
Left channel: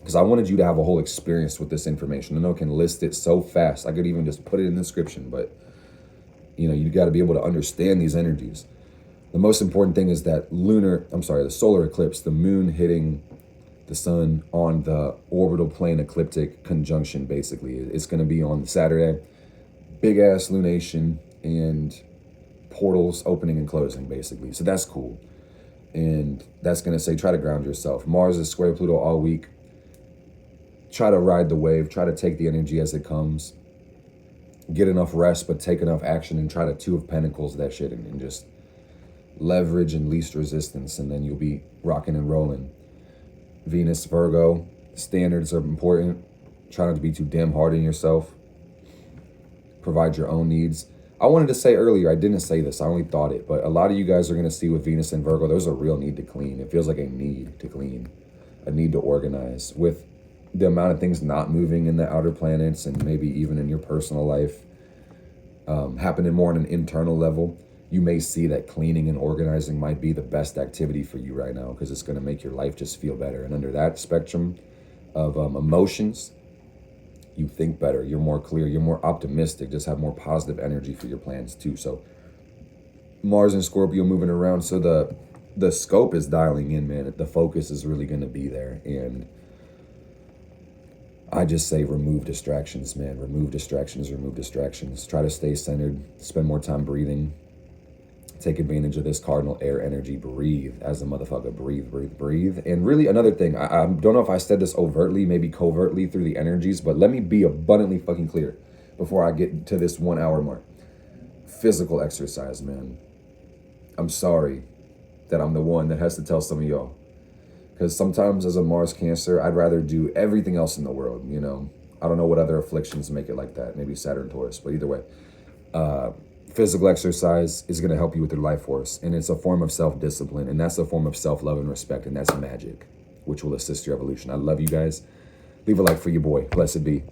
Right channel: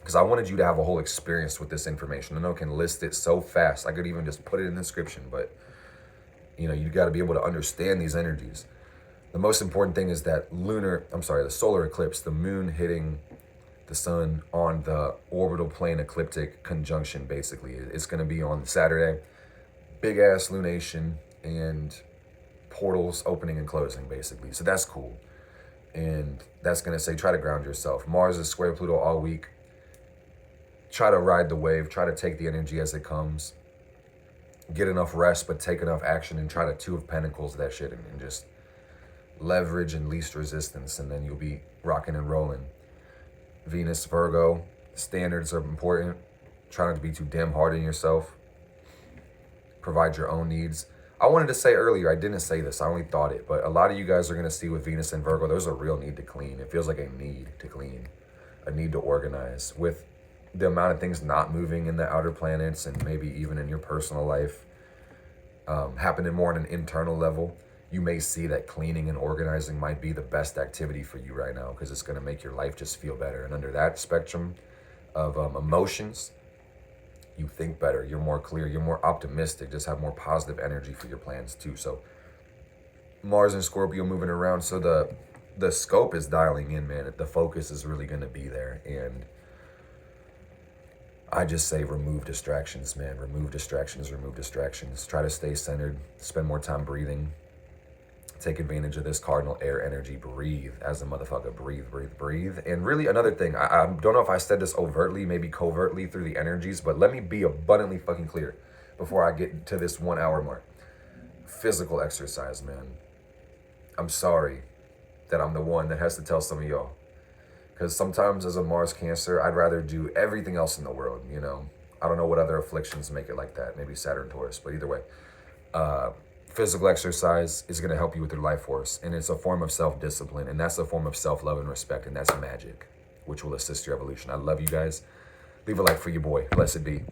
because I wanted you to have a whole experience with this information. I know I can list it so fast. I could even just put it in the description, but you know, you got to be able to understand these energies. The most important thing is that the solar eclipse, the moon hitting the sun on the orbital plane ecliptic conjunction, basically. It's going to be on Saturday. Big ass lunation and portals opening and closing, basically. So that's cool. And that's going to say, try to ground yourself. Mars is square Pluto all week. Try to ride the wave. Try to take the energy as it comes. Get enough rest, but take enough action, and try to Two of Pentacles that shit and just leverage and least resistance, and then you'll be rocking and rolling. Venus, Virgo, standards are important. Try not to be too damn hard on yourself. Provide your own needs. I wanted to say earlier, I didn't say this, I only thought it, but a lot of you guys are going to see with Venus and Virgo, there's a real need to clean. It feels like a need to clean, a need to organize. With the amount of things not moving in the outer planets, and maybe even in your personal life, happening more on an internal level, you may see that cleaning and organizing might be the best activity for you right now, because it's going to make your life just feel better. And under that spectrum of emotions, you think better, you're more clear, you're more optimistic, just have more positive energy for your plans too. So Mars and Scorpio moving around, so the scope is dialing in, man. The focus is really going to be there. And I just say remove distractions, man. Remove distractions, remove distractions. Try to stay centered, spend more time breathing. Take advantage of this cardinal air energy. Breathe as a motherfucker. Breathe, breathe, breathe. And really another thing, I don't know if I said this overtly, maybe covertly through the energies, but let me be abundantly fucking clear before I get to this 1 hour mark. physical exercise, man. I'm sorry that I'm the one that has to tell some of y'all. Because sometimes as a Mars Cancer, I'd rather do everything else in the world, you know. I don't know what other afflictions make it like that. Maybe Saturn, Taurus, but either way. Physical exercise is going to help you with your life force. And it's a form of self-discipline. And that's a form of self-love and respect. And that's magic, which will assist your evolution. I love you guys. Leave a like for your boy. Blessed be.